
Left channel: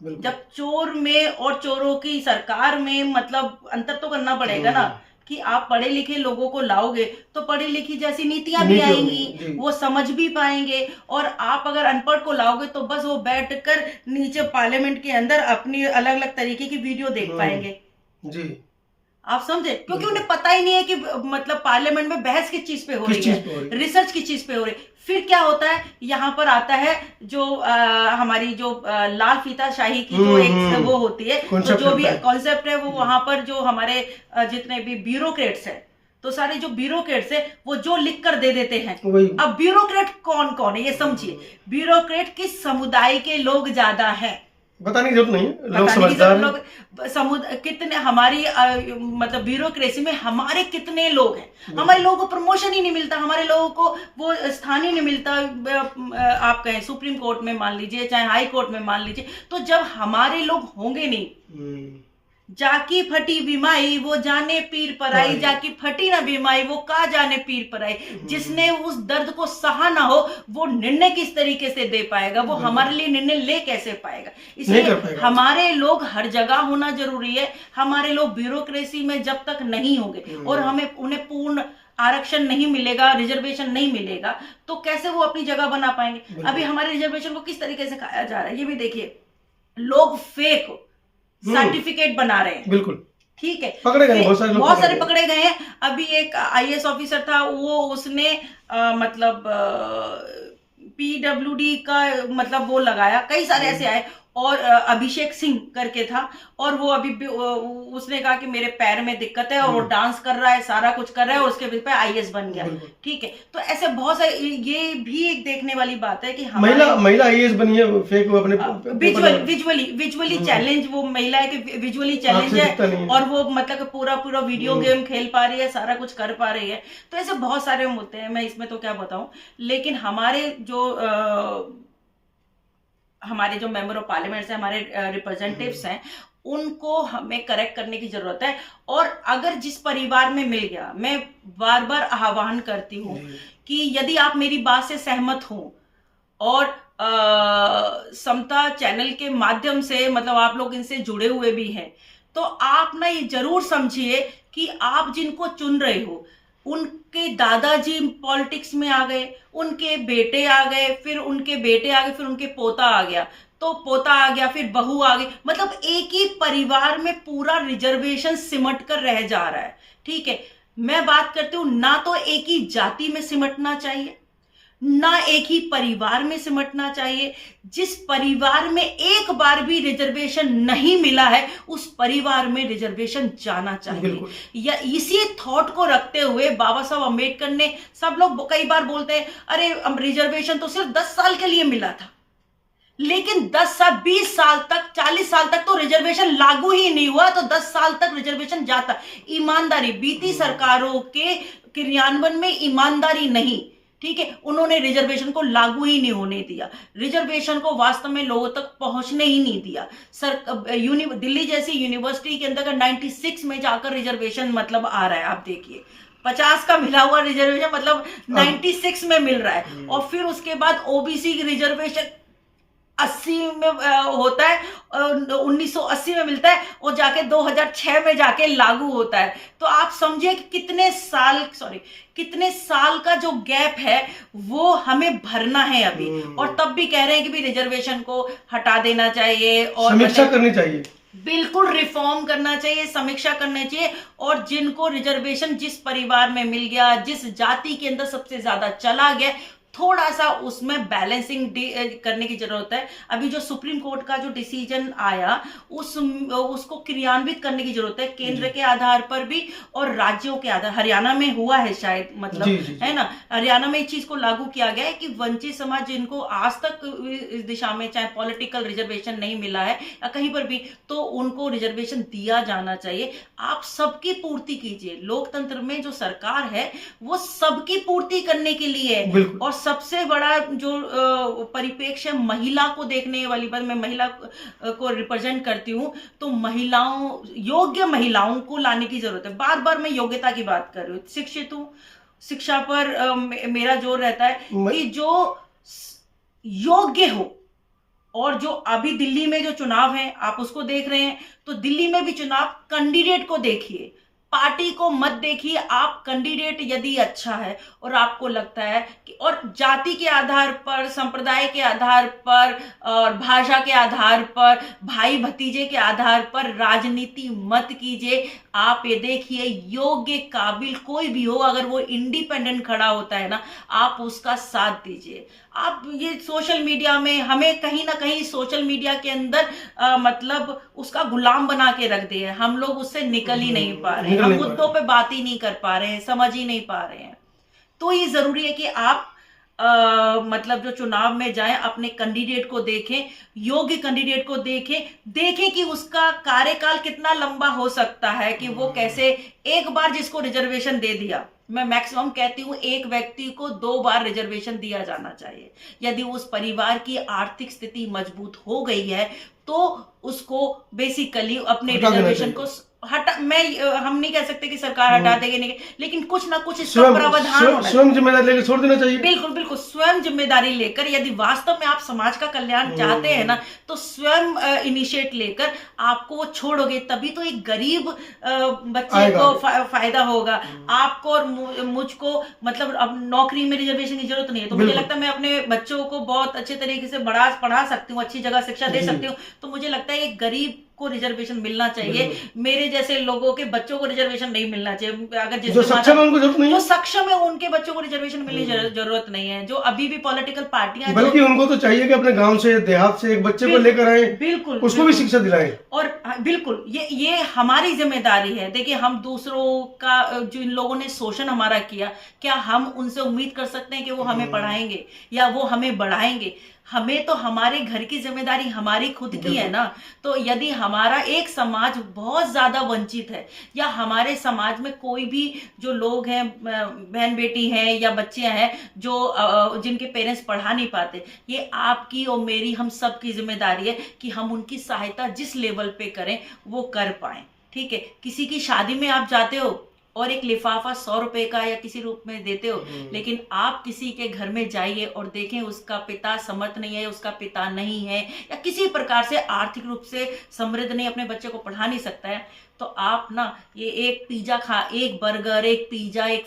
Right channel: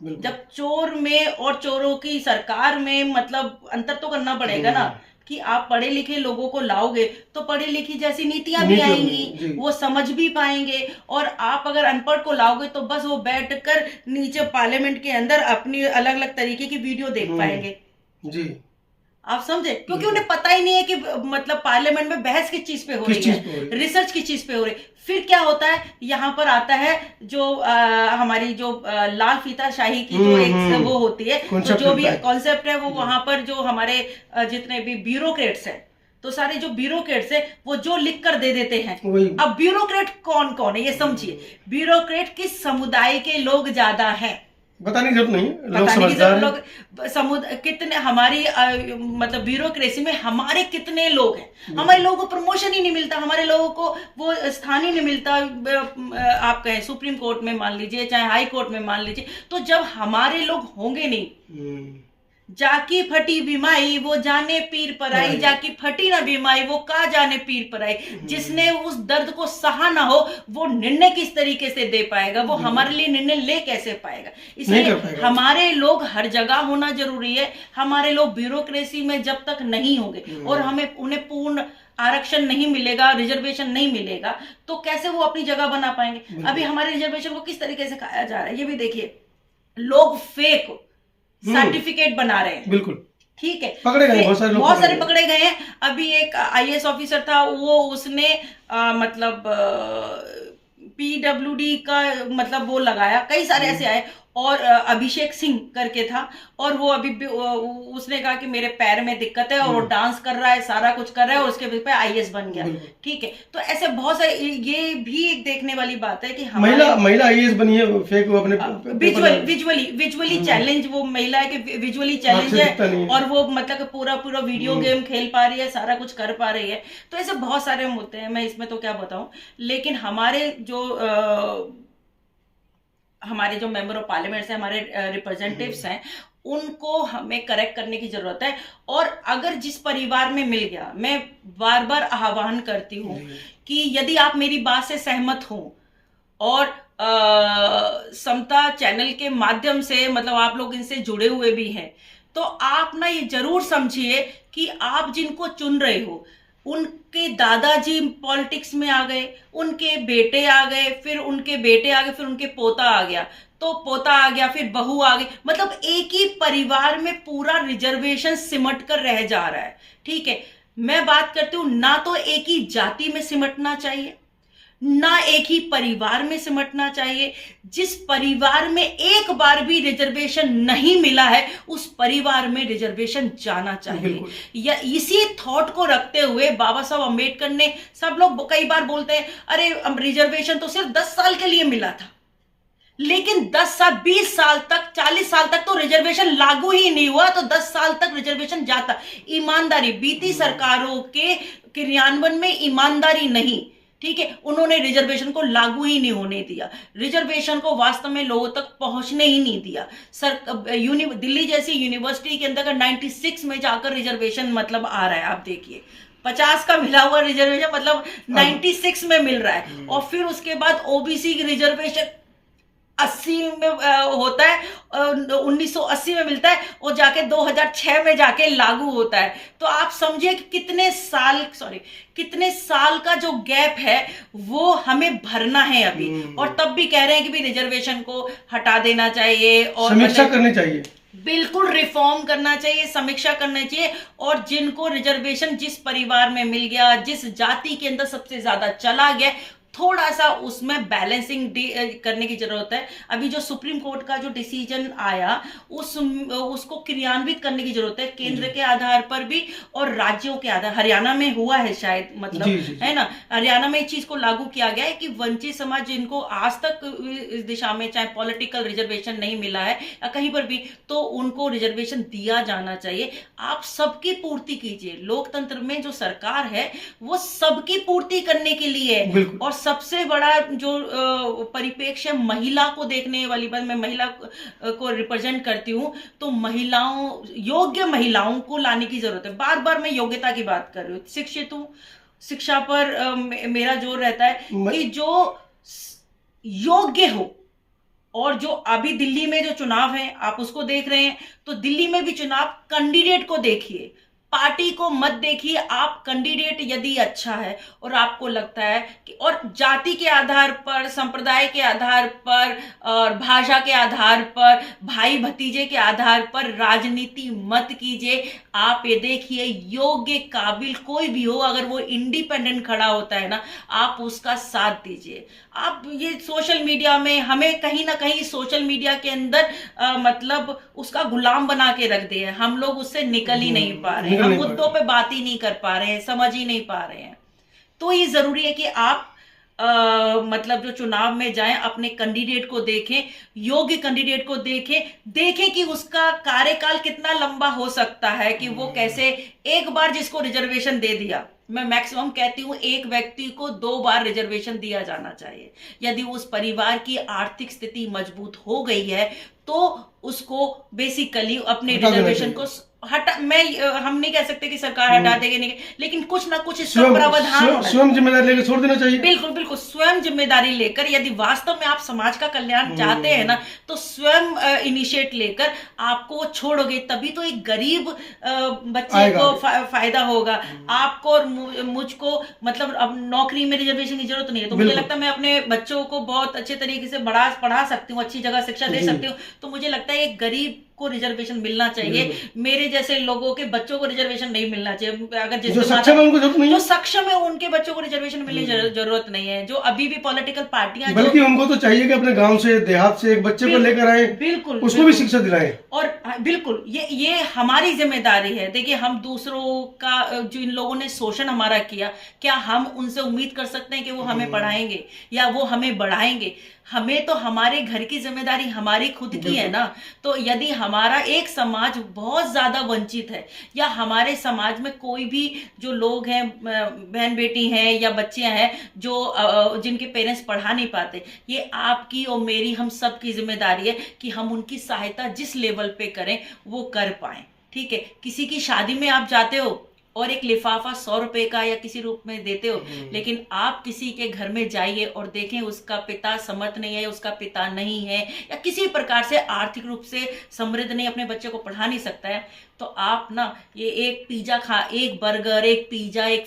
जब चोर में और चोरों की सरकार में मतलब अंतर तो करना पड़ेगा ना, कि आप पढ़े लिखे लोगों को लाओगे तो पढ़ी लिखी जैसी नीतियां भी आएंगी, वो समझ भी पाएंगे। और आप अगर अनपढ़ को लाओगे तो बस वो बैठकर नीचे पार्लियामेंट के अंदर अपनी अलग अलग तरीके की वीडियो देख पाएंगे। जी, आप समझे? क्योंकि उन्हें पता ही नहीं है कि मतलब पार्लियामेंट में बहस किस चीज पे हो रही है, रिसर्च किस चीज पे हो रही है। फिर क्या होता है, यहाँ पर आता है जो हमारी जो लाल फीताशाही की जो एक वो होती है, तो जो भी कॉन्सेप्ट है वो वहां पर जो हमारे जितने भी ब्यूरोक्रेट्स हैं, तो सारे जो ब्यूरोक्रेट्स है वो जो लिख कर दे देते हैं। अब ब्यूरोक्रेट कौन कौन है ये समझिए। ब्यूरोक्रेट किस समुदाय के लोग ज्यादा हैं बताने की जरूरत नहीं, लोग समझदार हैं। लोग कितने हमारी मतलब ब्यूरोक्रेसी में हमारे कितने लोग हैं, हमारे लोगों को प्रमोशन ही नहीं मिलता, हमारे लोगों को वो स्थान ही नहीं मिलता। आप कहें सुप्रीम कोर्ट में मान लीजिए, चाहे हाई कोर्ट में मान लीजिए, तो जब हमारे लोग होंगे नहीं, जाकी फटी बीमाई वो जाने पीर पर आई, जाकी फटी ना बीमाई वो का जाने पीर पर आई। जिसने उस दर्द को सहा ना हो वो निर्णय किस तरीके से दे पाएगा, वो हमारे लिए निर्णय ले कैसे पाएगा। इसलिए हमारे लोग हर जगह होना जरूरी है। हमारे लोग ब्यूरोक्रेसी में जब तक नहीं होंगे और हमें उन्हें पूर्ण आरक्षण नहीं मिलेगा, रिजर्वेशन नहीं मिलेगा, तो कैसे वो अपनी जगह बना पाएंगे। अभी हमारे रिजर्वेशन को किस तरीके से खाया जा रहा है ये भी देखिए। लोग फेक सर्टिफिकेट बना रहे हैं, बिल्कुल ठीक है, पकड़े गए बहुत सारे पकड़े गए हैं। अभी एक आईएएस ऑफिसर था, वो उसने मतलब पीडब्ल्यूडी का मतलब वो लगाया, कई सारे ऐसे आए। और अभिषेक सिंह करके था, और वो अभी भी उसने कहा कि मेरे पैर में दिक्कत है, और वो डांस कर रहा है, सारा कुछ कर रहा है, और उसके पे आईएएस बन गया। ठीक है, तो ऐसे बहुत सारे, ये भी एक देखने वाली बात है कि महिला आईएएस बनी है, फेक वो अपने विजुअली चैलेंज, वो महिला है कि विजुअली चैलेंज है, और वो मतलब पूरा वीडियो गेम खेल पा रही है, सारा कुछ कर पा रही है। तो ऐसे बहुत सारे होते हैं, मैं इसमें तो क्या बताऊं। लेकिन हमारे जो मेंबर ऑफ पार्लियामेंट है, हमारे रिप्रेजेंटेटिव्स हैं, उनको हमें करेक्ट करने की जरूरत है। और अगर जिस परिवार में मिल गया, मैं बार बार आह्वान करती हूँ कि यदि आप मेरी बात से सहमत हो और समता चैनल के माध्यम से मतलब आप लोग इनसे जुड़े हुए भी हैं, तो आप ना ये जरूर समझिए कि आप जिनको चुन रहे हो उनके दादाजी पॉलिटिक्स में आ गए, उनके बेटे आ गए, फिर उनके बेटे आ गए, फिर उनके पोता आ गया, तो पोता आ गया, फिर बहू आ गई। मतलब एक ही परिवार में पूरा रिजर्वेशन सिमट कर रह जा रहा है। ठीक है, मैं बात करती हूं, ना तो एक ही जाति में सिमटना चाहिए, ना एक ही परिवार में सिमटना चाहिए। जिस परिवार में एक बार भी रिजर्वेशन नहीं मिला है, उस परिवार में रिजर्वेशन जाना चाहिए। या इसी थॉट को रखते हुए बाबा साहब अम्बेडकर ने, सब लोग कई बार बोलते हैं अरे रिजर्वेशन तो सिर्फ 10 साल के लिए मिला था, लेकिन 10 साल 20 साल तक 40 साल तक तो रिजर्वेशन लागू ही नहीं हुआ, तो 10 साल तक रिजर्वेशन जाता। ईमानदारी, बीती सरकारों के क्रियान्वयन में ईमानदारी नहीं, ठीक है, उन्होंने रिजर्वेशन को लागू ही नहीं होने दिया, रिजर्वेशन को वास्तव में लोगों तक पहुंचने ही नहीं दिया। दिल्ली जैसी यूनिवर्सिटी के अंदर 96 में जाकर रिजर्वेशन मतलब आ रहा है, आप देखिए 50 का मिला हुआ रिजर्वेशन मतलब 96 में मिल रहा है। और फिर उसके बाद ओबीसी की रिजर्वेशन 80 में होता है, 1980 में मिलता है, और जाके 2006 में जाके लागू होता है। तो आप समझिए कितने साल का जो गैप है वो हमें भरना है अभी। और तब भी कह रहे हैं कि भी रिजर्वेशन को हटा देना चाहिए और समीक्षा करनी चाहिए, बिल्कुल रिफॉर्म करना चाहिए, समीक्षा करना चाहिए। और जिनको रिजर्वेशन जिस परिवार में मिल गया, जिस जाति के अंदर सबसे ज्यादा चला गया, थोड़ा सा उसमें बैलेंसिंग करने की जरूरत है। अभी जो सुप्रीम कोर्ट का जो डिसीजन आया उसको क्रियान्वित करने की जरूरत है, केंद्र के आधार पर भी और राज्यों के आधार। हरियाणा में हुआ है शायद, मतलब है ना, हरियाणा में इस चीज को लागू किया गया है कि वंचित समाज जिनको आज तक इस दिशा में चाहे पॉलिटिकल रिजर्वेशन नहीं मिला है या कहीं पर भी, तो उनको रिजर्वेशन दिया जाना चाहिए। आप सबकी पूर्ति कीजिए। लोकतंत्र में जो सरकार है वो सबकी पूर्ति करने के लिए है। और सबसे बड़ा जो परिप्रेक्ष्य महिला को देखने वाली बात, मैं महिला को रिप्रेजेंट करती हूँ, तो महिलाओं, योग्य महिलाओं को लाने की जरूरत है। बार बार मैं योग्यता की बात कर रही हूँ, शिक्षित हूँ, शिक्षा पर मेरा जोर रहता है कि जो योग्य हो। और जो अभी दिल्ली में जो चुनाव है आप उसको देख रहे हैं, तो दिल्ली में भी चुनाव, कैंडिडेट को देखिए, पार्टी को मत देखिए। आप कैंडिडेट यदि अच्छा है और आपको लगता है कि, और जाति के आधार पर, संप्रदाय के आधार पर और भाषा के आधार पर, भाई भतीजे के आधार पर राजनीति मत कीजिए। आप ये देखिए, योग्य काबिल कोई भी हो, अगर वो इंडिपेंडेंट खड़ा होता है ना, आप उसका साथ दीजिए। आप ये सोशल मीडिया में हमें कहीं ना कहीं सोशल मीडिया के अंदर मतलब उसका गुलाम बना के रख दिया है। हम लोग उससे निकल ही नहीं पा रहे हैं, हम मुद्दों पे बात ही नहीं कर पा रहे हैं, समझ ही नहीं पा रहे हैं। तो ये जरूरी है कि आप मतलब जो चुनाव में जाएं, अपने कैंडिडेट को देखें, योग्य कैंडिडेट को देखें कि उसका कार्यकाल कितना लंबा हो सकता है, कि वो कैसे, एक बार जिसको रिजर्वेशन दे दिया, मैं मैक्सिमम कहती हूँ एक व्यक्ति को 2 बार रिजर्वेशन दिया जाना चाहिए। यदि उस परिवार की आर्थिक स्थिति मजबूत हो गई है तो उसको बेसिकली अपने रिजर्वेशन को हटा, हम नहीं कह सकते कि सरकार हटा देगी, नहीं, लेकिन कुछ ना कुछ इसका प्रावधान, स्वयं जिम्मेदारी लेकर छोड़ देना चाहिए। बिल्कुल बिल्कुल, स्वयं जिम्मेदारी लेकर, यदि वास्तव में आप समाज का कल्याण चाहते हैं ना, तो स्वयं इनिशिएट लेकर आपको छोड़ोगे, तभी तो एक गरीब बच्चे को फायदा होगा। आपको और मुझको, मतलब अब नौकरी में रिजर्वेशन की जरूरत नहीं है, तो मुझे लगता है मैं अपने बच्चों को बहुत अच्छे तरीके से पढ़ा सकती हूँ, अच्छी जगह शिक्षा दे सकती हूँ। तो मुझे लगता है एक गरीब को रिजर्वेशन मिलना चाहिए, मेरे जैसे लोगों के बच्चों को रिजर्वेशन नहीं मिलना चाहिए। अगर जो सक्षम है उनको जरूरत नहीं है, जो सक्षम है उनके बच्चों को रिजर्वेशन मिलने की जरूरत नहीं है। जो अभी भी पॉलिटिकल पार्टियां, बल्कि उनको तो चाहिए कि अपने गांव से, देहात से एक बच्चे को लेकर आए, बिल्कुल उसको भी शिक्षा दिलाएं। और बिल्कुल ये हमारी जिम्मेदारी है। देखिए, हम दूसरों का, जो इन लोगों ने शोषण हमारा किया, क्या हम उनसे उम्मीद कर सकते हैं कि वो हमें पढ़ाएंगे या वो हमें बढ़ाएंगे? हमें तो हमारे घर की जिम्मेदारी हमारी खुद की है ना। तो यदि हमारा एक समाज बहुत ज्यादा वंचित है, या हमारे समाज में कोई भी जो लोग हैं, बहन बेटी हैं या बच्चे हैं, जो जिनके पेरेंट्स पढ़ा नहीं पाते, ये आपकी और मेरी, हम सब की जिम्मेदारी है कि हम उनकी सहायता जिस लेवल पे करें वो कर पाए। ठीक है, किसी की शादी में आप जाते हो और एक लिफाफा 100 रुपए का या किसी रूप में देते हो, लेकिन आप किसी के घर में जाइए और देखें उसका पिता समर्थ नहीं है, उसका पिता नहीं है, या किसी प्रकार से आर्थिक रूप से समृद्ध नहीं, अपने बच्चे को पढ़ा नहीं सकता है, तो आप ना ये एक पिज्जा एक बर्गर, एक पिज्जा, एक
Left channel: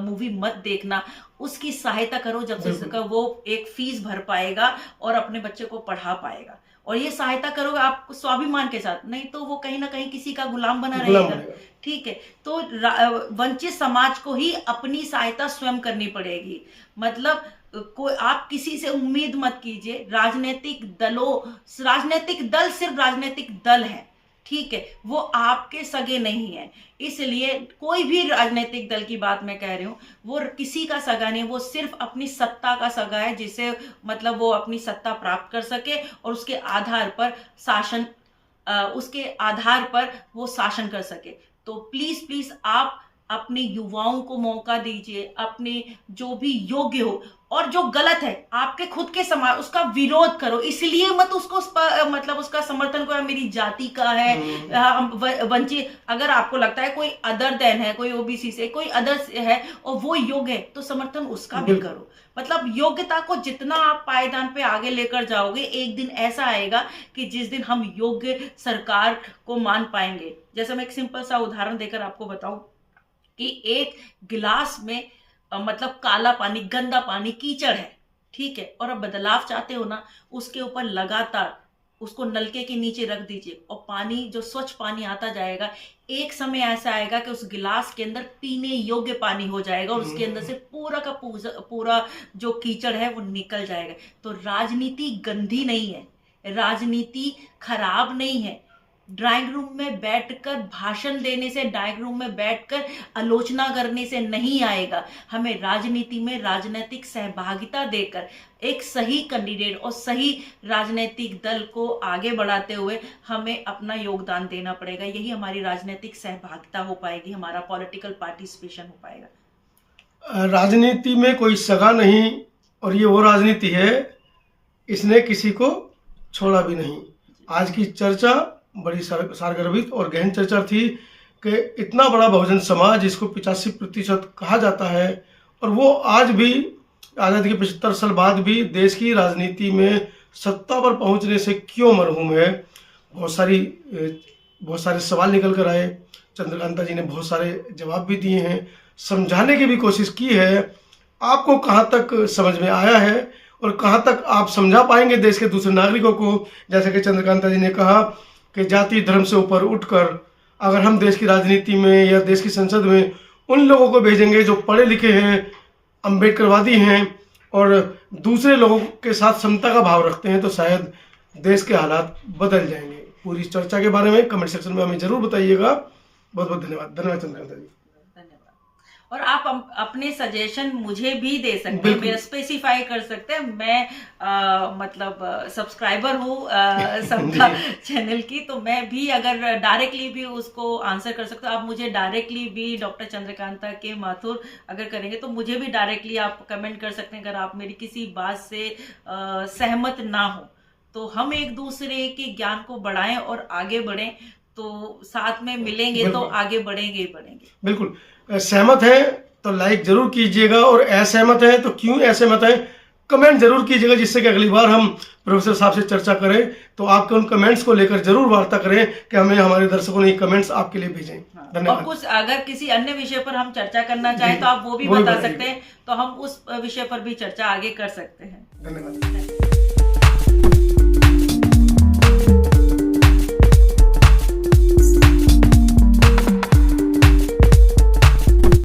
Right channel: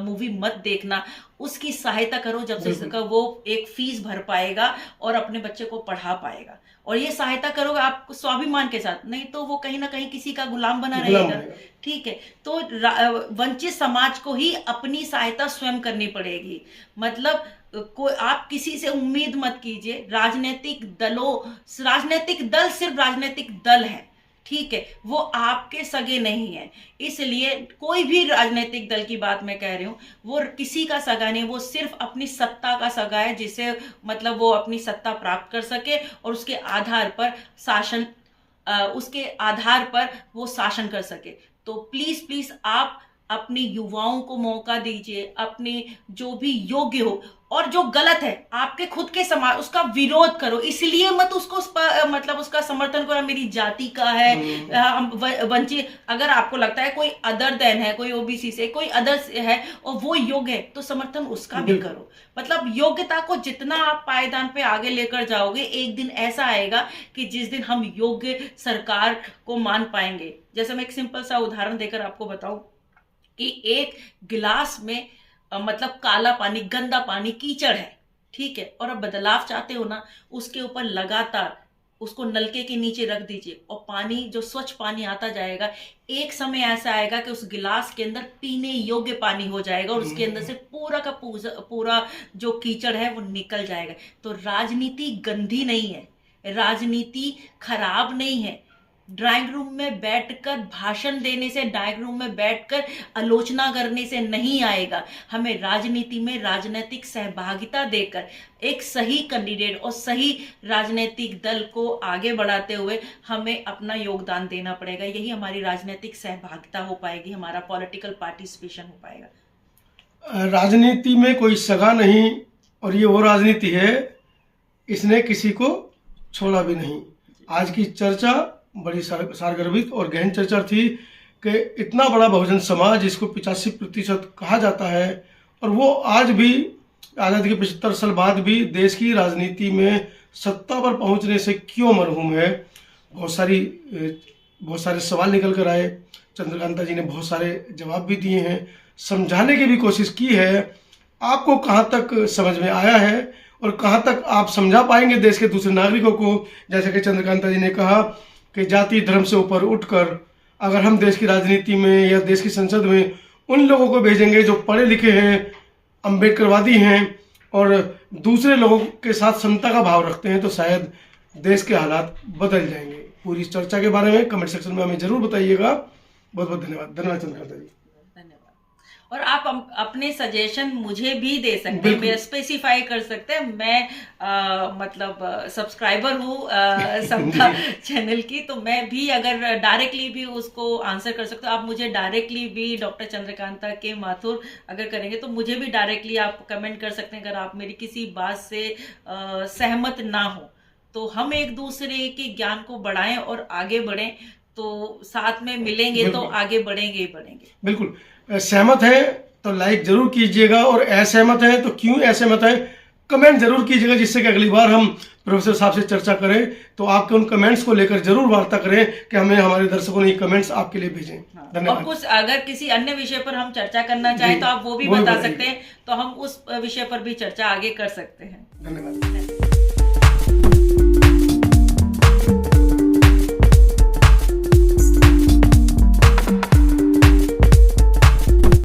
मूवी मत देखना, उसकी सहायता करो जब से वो एक फीस भर पाएगा और अपने बच्चे को पढ़ा पाएगा। और ये सहायता करोगे आप स्वाभिमान के साथ, नहीं तो वो कहीं ना कहीं किसी का गुलाम बना रहेगा। ठीक है, तो वंचित समाज को ही अपनी सहायता स्वयं करनी पड़ेगी। मतलब कोई, आप किसी से उम्मीद मत कीजिए। राजनीतिक दल सिर्फ राजनीतिक दल है, ठीक है, वो आपके सगे नहीं है। इसलिए कोई भी राजनीतिक दल की बात मैं कह रही हूं, वो किसी का सगा नहीं, वो सिर्फ अपनी सत्ता का सगा है, जिसे मतलब वो अपनी सत्ता प्राप्त कर सके और उसके आधार पर वो शासन कर सके। तो प्लीज आप अपने युवाओं को मौका दीजिए, अपने जो भी योग्य हो, और जो गलत है आपके खुद के समाज, उसका विरोध करो। इसलिए मत उसको मतलब उसका समर्थन करो, मेरी जाति का है, वंचित, अगर आपको लगता है कोई अदर देन है, कोई ओबीसी से, कोई अदर है और वो योग्य है, तो समर्थन उसका भी करो। मतलब योग्यता को जितना आप पायदान पे आगे लेकर जाओगे, एक दिन ऐसा आएगा कि जिस दिन हम योग्य सरकार को मान पाएंगे। जैसे मैं एक सिंपल सा उदाहरण देकर आपको बताऊं कि एक गिलास में मतलब काला पानी, गंदा पानी, कीचड़ है, ठीक है, और अब बदलाव चाहते हो ना, उसके ऊपर लगातार उसको नलके के नीचे रख दीजिए और पानी जो स्वच्छ पानी आता जाएगा, एक समय ऐसा आएगा कि उस गिलास के अंदर पीने योग्य पानी हो जाएगा और उसके अंदर से पूरा का पूरा जो कीचड़ है वो निकल जाएगा। तो राजनीति गंदी नहीं है, राजनीति खराब नहीं है। ड्राइंग रूम में बैठकर भाषण देने से, ड्राइंग रूम में बैठकर आलोचना करने से नहीं आएगा। हमें राजनीति में राजनीतिक सहभागिता देकर एक सही कैंडिडेट और सही राजनीतिक दल को आगे बढ़ाते हुए हमें अपना योगदान देना पड़ेगा। यही हमारी राजनीतिक सहभागिता हो पाएगी, हमारा पॉलिटिकल पार्टिसिपेशन हो पाएगा। राजनीति में कोई सगा नहीं, और ये वो राजनीति है, इसने किसी को छोड़ा भी नहीं। आज की चर्चा बड़ी सारगर्भित और गहन चर्चा थी कि इतना बड़ा बहुजन समाज, जिसको 85% कहा जाता है, और वो आज भी आज़ादी के 75 साल बाद भी देश की राजनीति में सत्ता पर पहुंचने से क्यों मरहूम है। बहुत सारे सवाल निकल कर आए। चंद्रकांता जी ने बहुत सारे जवाब भी दिए हैं, समझाने की भी कोशिश की है। आपको कहाँ तक समझ में आया है और कहाँ तक आप समझा पाएंगे देश के दूसरे नागरिकों को। जैसे कि चंद्रकांता जी ने कहा कि जाति धर्म से ऊपर उठकर अगर हम देश की राजनीति में या देश की संसद में उन लोगों को भेजेंगे जो पढ़े लिखे हैं, अम्बेडकरवादी हैं और दूसरे लोगों के साथ समता का भाव रखते हैं, तो शायद देश के हालात बदल जाएंगे। पूरी चर्चा के बारे में कमेंट सेक्शन में हमें जरूर बताइएगा। बहुत बहुत धन्यवाद। धन्यवाद चंद्रकांता जी। और आप अपने सजेशन मुझे भी दे सकते हैं, मेरा स्पेसिफाई कर सकते हैं। मैं मतलब सब्सक्राइबर हूँ समता चैनल की, तो मैं भी अगर डायरेक्टली भी उसको आंसर कर सकता हूँ। आप मुझे डायरेक्टली भी डॉक्टर चंद्रकांता के माथुर अगर करेंगे तो मुझे भी डायरेक्टली आप कमेंट कर सकते हैं। अगर आप मेरी किसी बात से सहमत ना हो तो हम एक दूसरे के ज्ञान को बढ़ाएं और आगे बढ़ें, तो साथ में मिलेंगे तो आगे बढ़ेंगे ही बढ़ेंगे। बिल्कुल। सहमत है तो लाइक जरूर कीजिएगा, और असहमत है तो क्यों असहमत है कमेंट जरूर कीजिएगा, जिससे कि अगली बार हम प्रोफेसर साहब से चर्चा करें तो आपके उन कमेंट्स को लेकर जरूर वार्ता करें कि हमें हमारे दर्शकों ने कमेंट्स आपके लिए भेजें। धन्यवाद। और कुछ अगर किसी अन्य विषय पर हम चर्चा करना चाहें तो आप वो भी बता सकते हैं, तो हम उस विषय पर भी चर्चा आगे कर सकते हैं। धन्यवाद।